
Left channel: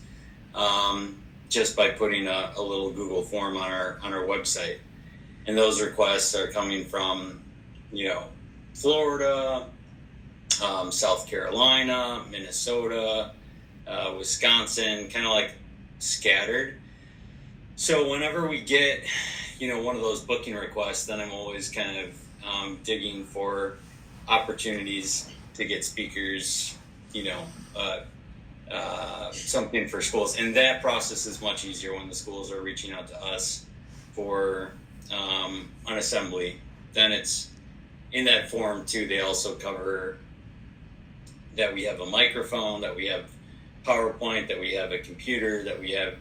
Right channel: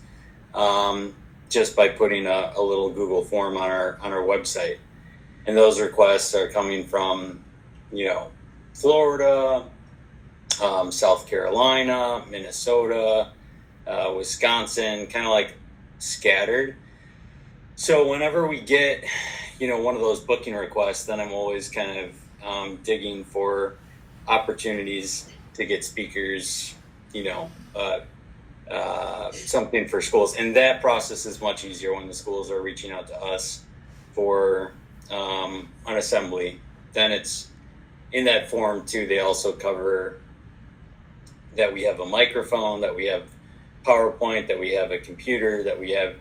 just by putting a little Google form on our website. And those requests are coming from, Florida, South Carolina, Minnesota, Wisconsin, kind of like scattered. So whenever we get, one of those booking requests, then I'm always kind of digging for opportunities to get speakers, something for schools. And that process is much easier when the schools are reaching out to us for an assembly. Then it's in that form too. They also cover that we have a microphone, that we have PowerPoint, that we have a computer, that we have,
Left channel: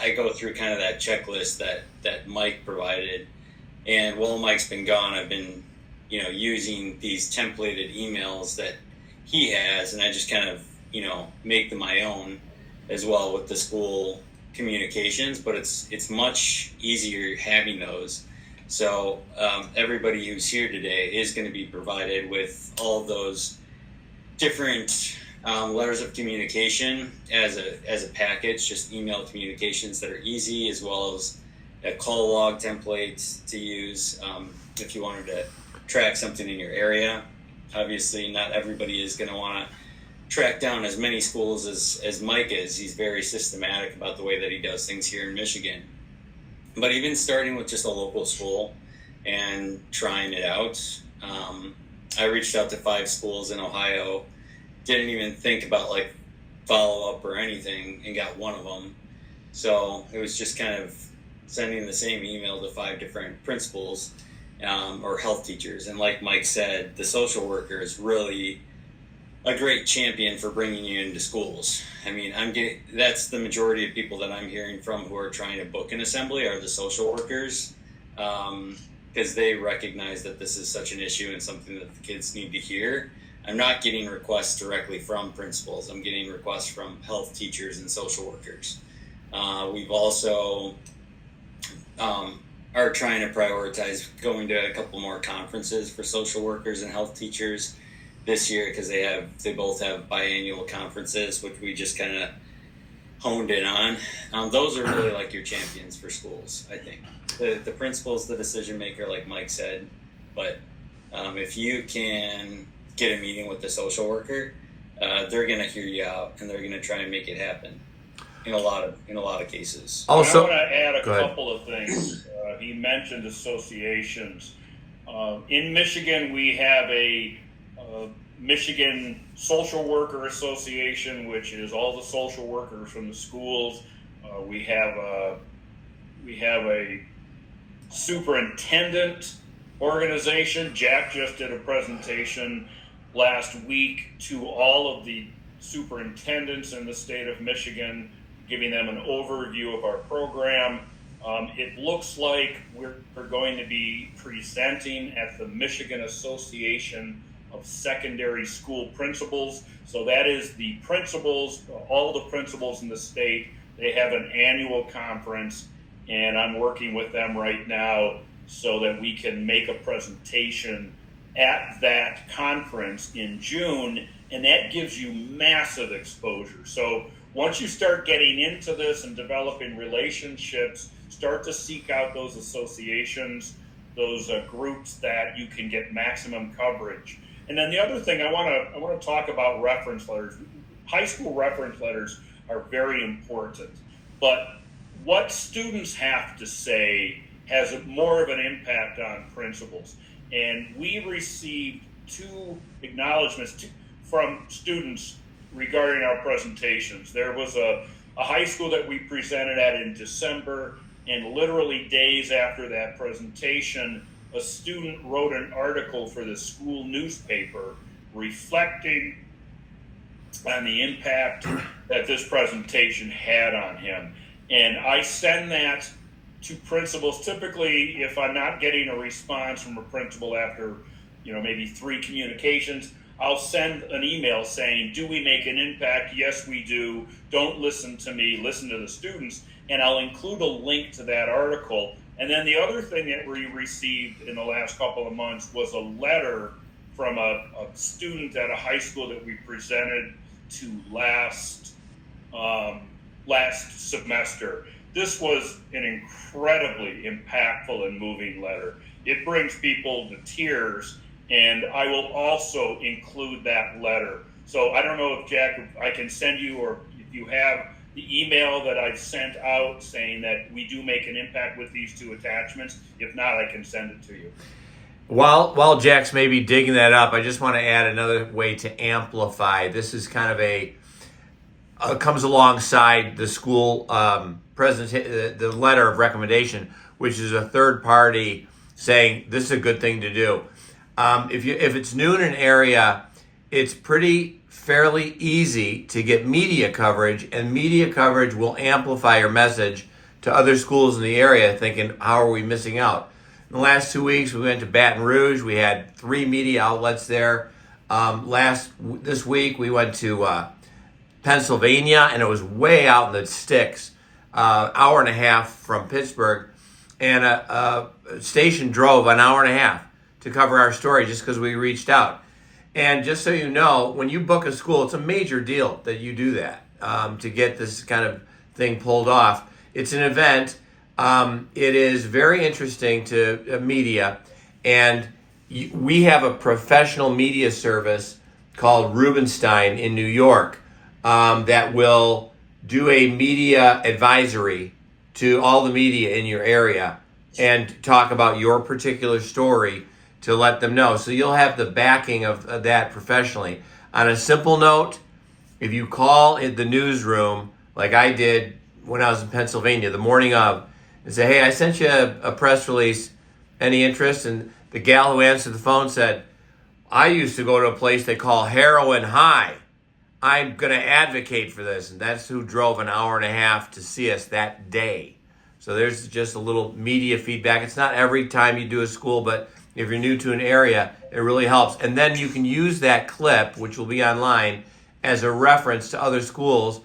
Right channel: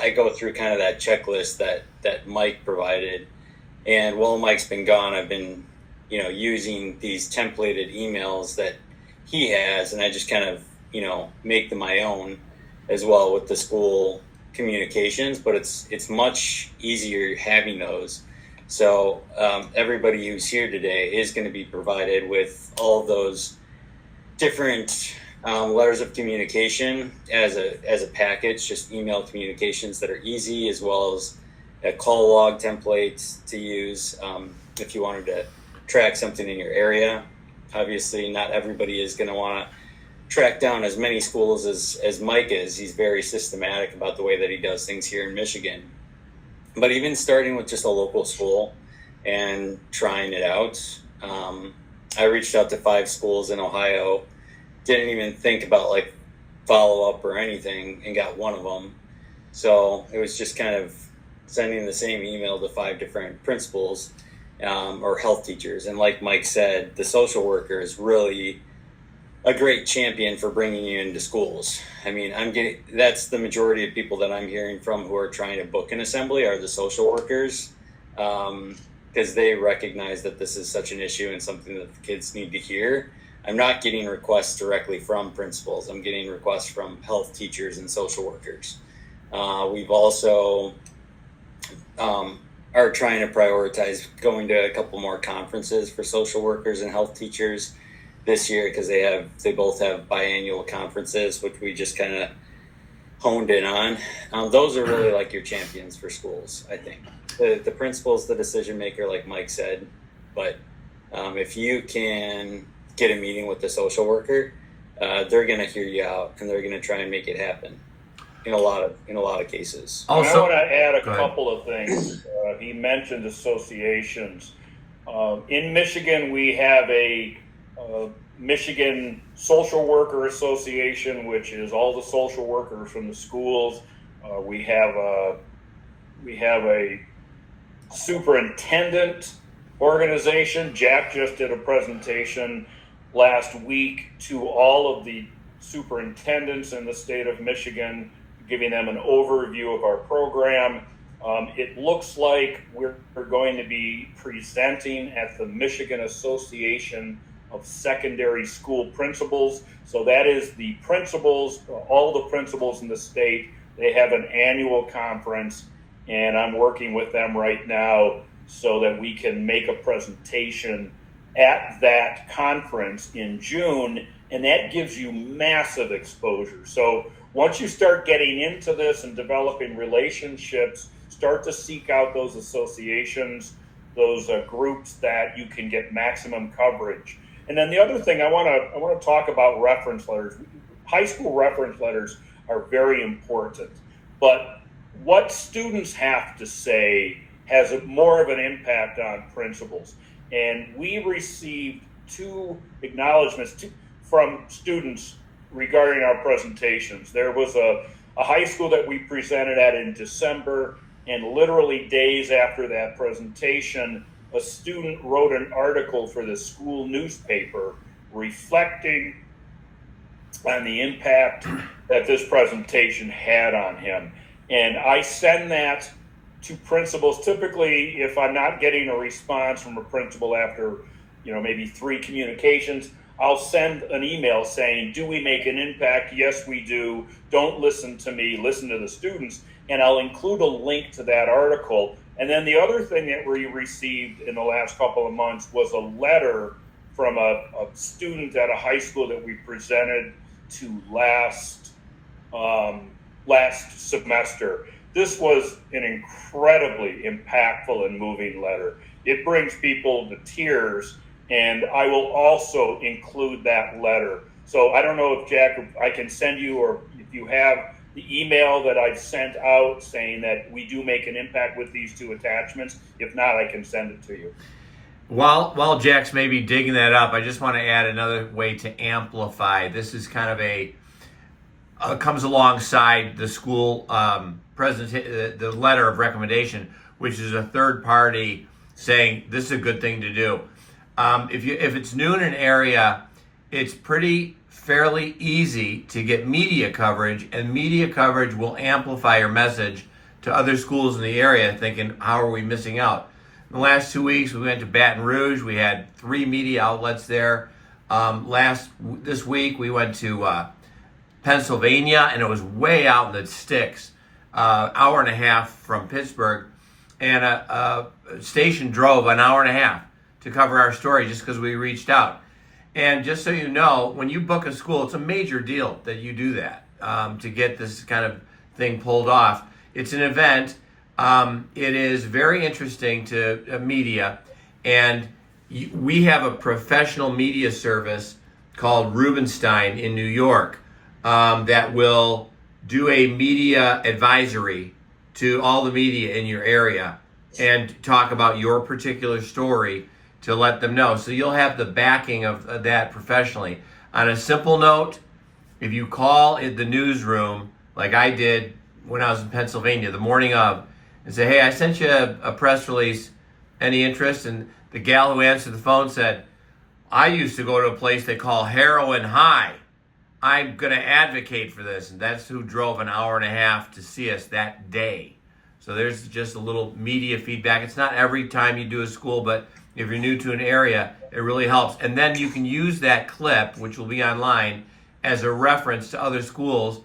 I go through kind of that checklist that Mike provided. And while Mike's been gone, I've been, using these templated emails that he has, and I just kind of, make them my own as well with the school communications, but it's much easier having those. So everybody who's here today is going to be provided with all of those different letters of communication as a package, just email communications that are easy, as well as a call log template to use if you wanted to track something in your area. Obviously, not everybody is going to want to track down as many schools as Mike is. He's very systematic about the way that he does things here in Michigan. But even starting with just a local school and trying it out, I reached out to 5 schools in Ohio, didn't even think about like follow up or anything, and got one of them. So it was just kind of sending the same email to 5 different principals or health teachers. And like Mike said, the social worker is really a great champion for bringing you into schools. I mean, that's the majority of people that I'm hearing from who are trying to book an assembly are the social workers, because they recognize that this is such an issue and something that the kids need to hear. I'm not getting requests directly from principals. I'm getting requests from health teachers and social workers. We've also are trying to prioritize going to a couple more conferences for social workers and health teachers this year, because they both have biannual conferences, which we just kind of honed in on. Those are really like your champions for schools, I think. The principal's the decision maker, like Mike said, but if you can get a meeting with the social worker, they're going to hear you out, and they're going to try and make it happen in a lot of cases. Also, I want to add a go ahead. couple of things. He mentioned associations. In Michigan, we have a Michigan Social Worker Association, which is all the social workers from the schools. We have a superintendent organization. Jack just did a presentation last week to all of the superintendents in the state of Michigan, giving them an overview of our program. It looks like we're going to be presenting at the Michigan Association of Secondary School Principals. So that is the principals, all the principals in the state. They have an annual conference, and I'm working with them right now so that we can make a presentation at that conference in June, and that gives you massive exposure. So once you start getting into this and developing relationships, start to seek out those associations, those groups that you can get maximum coverage. And then the other thing I want to talk about reference letters. High school reference letters are very important, but what students have to say has more of an impact on principals. And we received 2 acknowledgments from students regarding our presentations. There was a high school that we presented at in December, and literally days after that presentation, a student wrote an article for the school newspaper reflecting on the impact that this presentation had on him. And I send that to principals. Typically, if I'm not getting a response from a principal after maybe 3 communications, I'll send an email saying, do we make an impact? Yes, we do. Don't listen to me, listen to the students. And I'll include a link to that article. And then the other thing that we received in the last couple of months was a letter from a student at a high school that we presented to last semester. This was an incredibly impactful and moving letter. It brings people to tears, and I will also include that letter. So I don't know if, Jack, I can send you, or if you have the email that I've sent out saying that we do make an impact with these 2 attachments. If not, I can send it to you. While Jack's maybe digging that up, I just want to add another way to amplify. This is kind of comes alongside the school the letter of recommendation, which is a third party saying this is a good thing to do. If it's new in an area, it's fairly easy to get media coverage, and media coverage will amplify your message to other schools in the area thinking, how are we missing out? In the last 2 weeks, we went to Baton Rouge. We had 3 media outlets there. This week, we went to Pennsylvania, and it was way out in the sticks, hour and a half from Pittsburgh, and a station drove an hour and a half to cover our story just because we reached out. And just so you know, when you book a school, it's a major deal that you do that to get this kind of thing pulled off. It's an event. It is very interesting to media, and we have a professional media service called Rubenstein in New York that will do a media advisory to all the media in your area and talk about your particular story to let them know. So you'll have the backing of that professionally. On a simple note, if you call in the newsroom, like I did when I was in Pennsylvania the morning of, and say, hey, I sent you a press release, any interest? And the gal who answered the phone said, I used to go to a place they call Heroin High. I'm going to advocate for this. And that's who drove an hour and a half to see us that day. So there's just a little media feedback. It's not every time you do a school, but if you're new to an area, it really helps. And then you can use that clip, which will be online, as a reference to other schools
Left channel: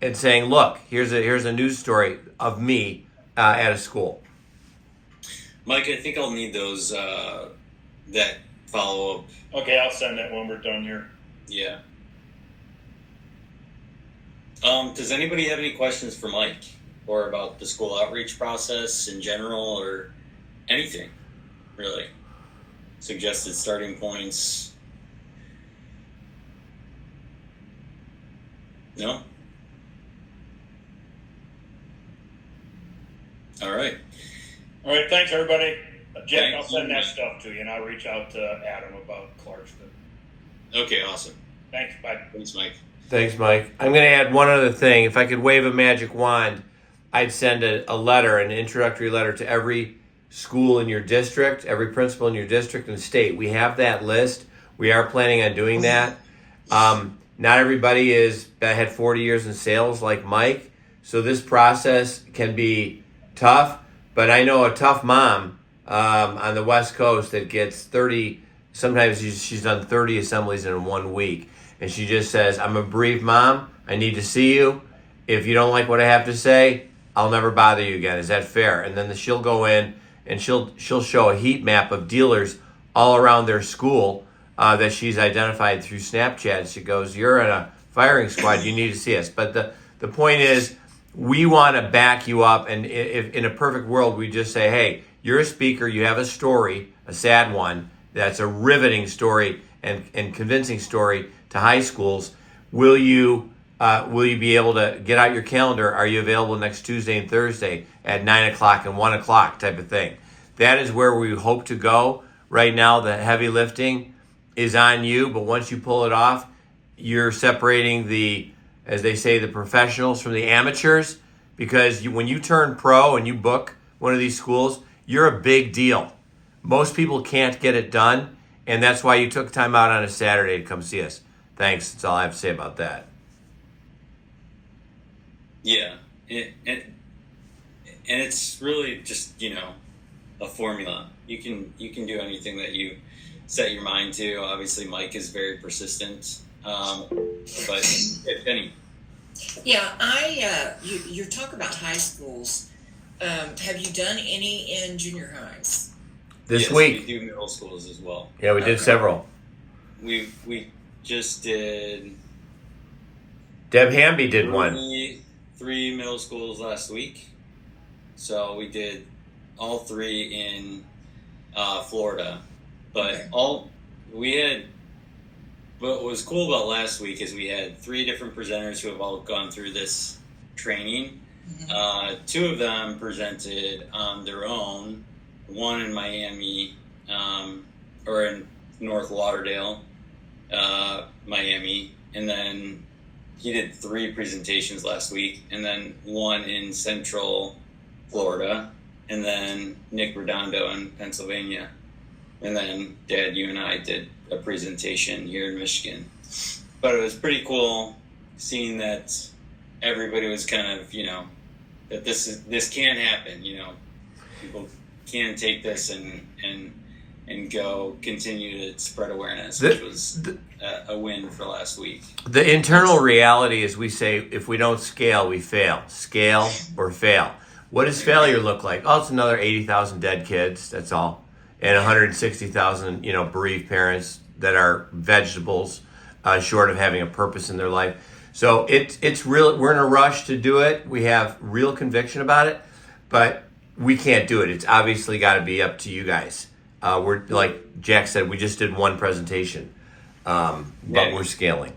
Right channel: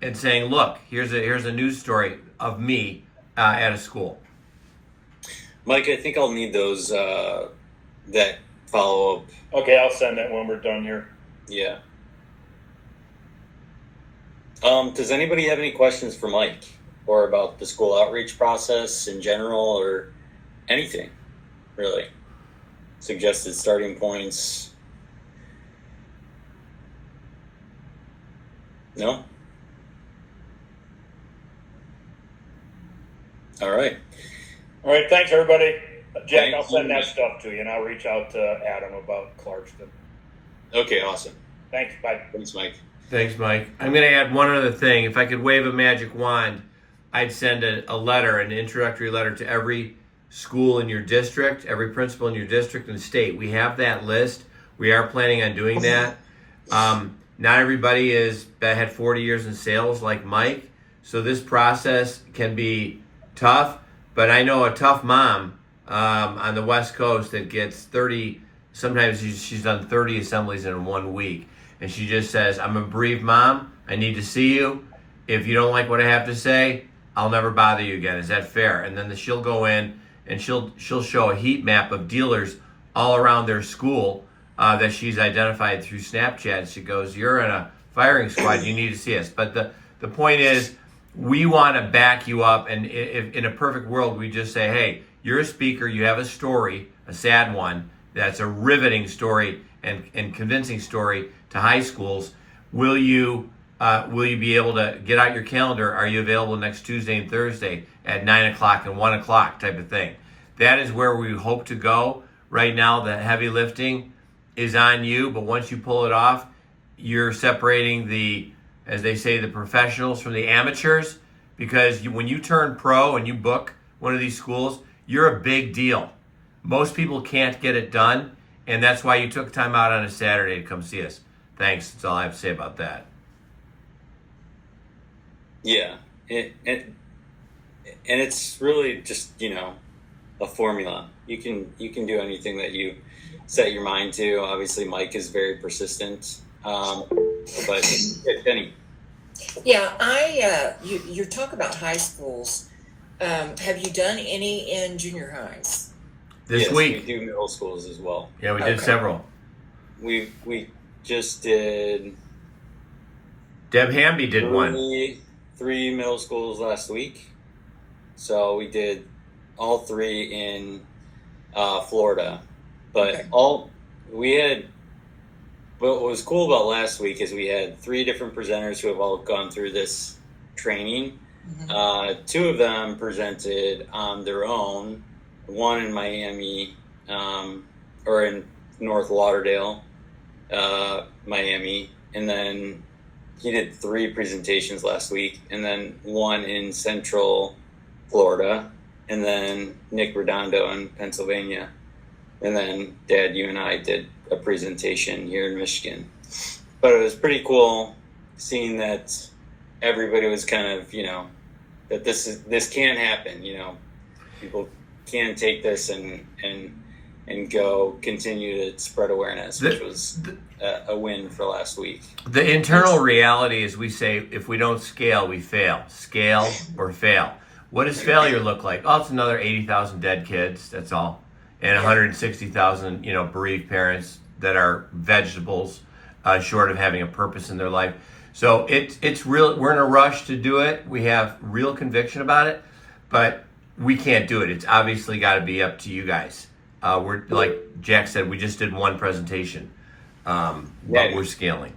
and saying, look, here's a news story of me at a school. Mike, I think I'll need those, that follow-up. Okay, I'll send that when we're done here. Yeah. Does anybody have any questions for Mike or about the school outreach process in general or anything, really? Suggested starting points? No? All right. All right, thanks, everybody. Jack, Thank I'll send you. that stuff to you, and I'll reach out to Adam about Clarkston. Okay, awesome. Thanks, bye. Thanks, Mike. Thanks, Mike. I'm going to add one other thing. If I could wave a magic wand, I'd send a letter, an introductory letter to every school in your district, every principal in your district and state. We have that list. We are planning on doing that. Not everybody had 40 years in sales like Mike, so this process can be tough, but I know a tough mom on the West Coast that gets 30, sometimes she's done 30 assemblies in 1 week, and she just says, I'm a bereaved mom, I need to see you. If you don't like what I have to say, I'll never bother you again. Is that fair? And then she'll go in and she'll show a heat map of dealers all around their school that she's identified through Snapchat. She goes, you're in a firing squad, you need to see us. But the point is, we want to back you up, and if in a perfect world, we just say, hey, you're a speaker, you have a story, a sad one, that's a riveting story and convincing story to high schools. Will you be able to get out your calendar? Are you available next Tuesday and Thursday at 9 o'clock and 1 o'clock type of thing? That is where we hope to go. Right now, the heavy lifting is on you, but once you pull it off, you're separating the, as they say, the professionals from the amateurs, because when you turn pro and you book one of these schools, you're a big deal. Most people can't get it done, and that's why you took time out on a Saturday to come see us. Thanks. That's all I have to say about that. Yeah, and it's really just, a formula. You can do anything that you set your mind to. Obviously, Mike is very persistent. But Jenny. Yeah, you talk about high schools. Have you done any in junior highs? This Yes, week. we do middle schools as well. Yeah, we did Okay. several. We just did Deb Hamby did one. three middle schools last week. So we did all three in Florida. But Okay. what was cool about last week is we had three different presenters who have all gone through this training. Two of them presented on their own, one in Miami, or in North Lauderdale, Miami, and then he did 3 presentations last week, and then one in Central Florida, and then Nick Redondo in Pennsylvania, and then Dad, you and I did a presentation here in Michigan. But it was pretty cool seeing that everybody was kind of, that this can happen, people can take this and go continue to spread awareness, which was a win for last week. The internal reality is we say if we don't scale, we fail. Scale or fail. What does failure look like? Oh, it's another 80,000 dead kids. That's all. And 160,000, bereaved parents that are vegetables, short of having a purpose in their life. So it's real. We're in a rush to do it. We have real conviction about it, but we can't do it. It's obviously got to be up to you guys. We're like Jack said, we just did one presentation, but we're scaling.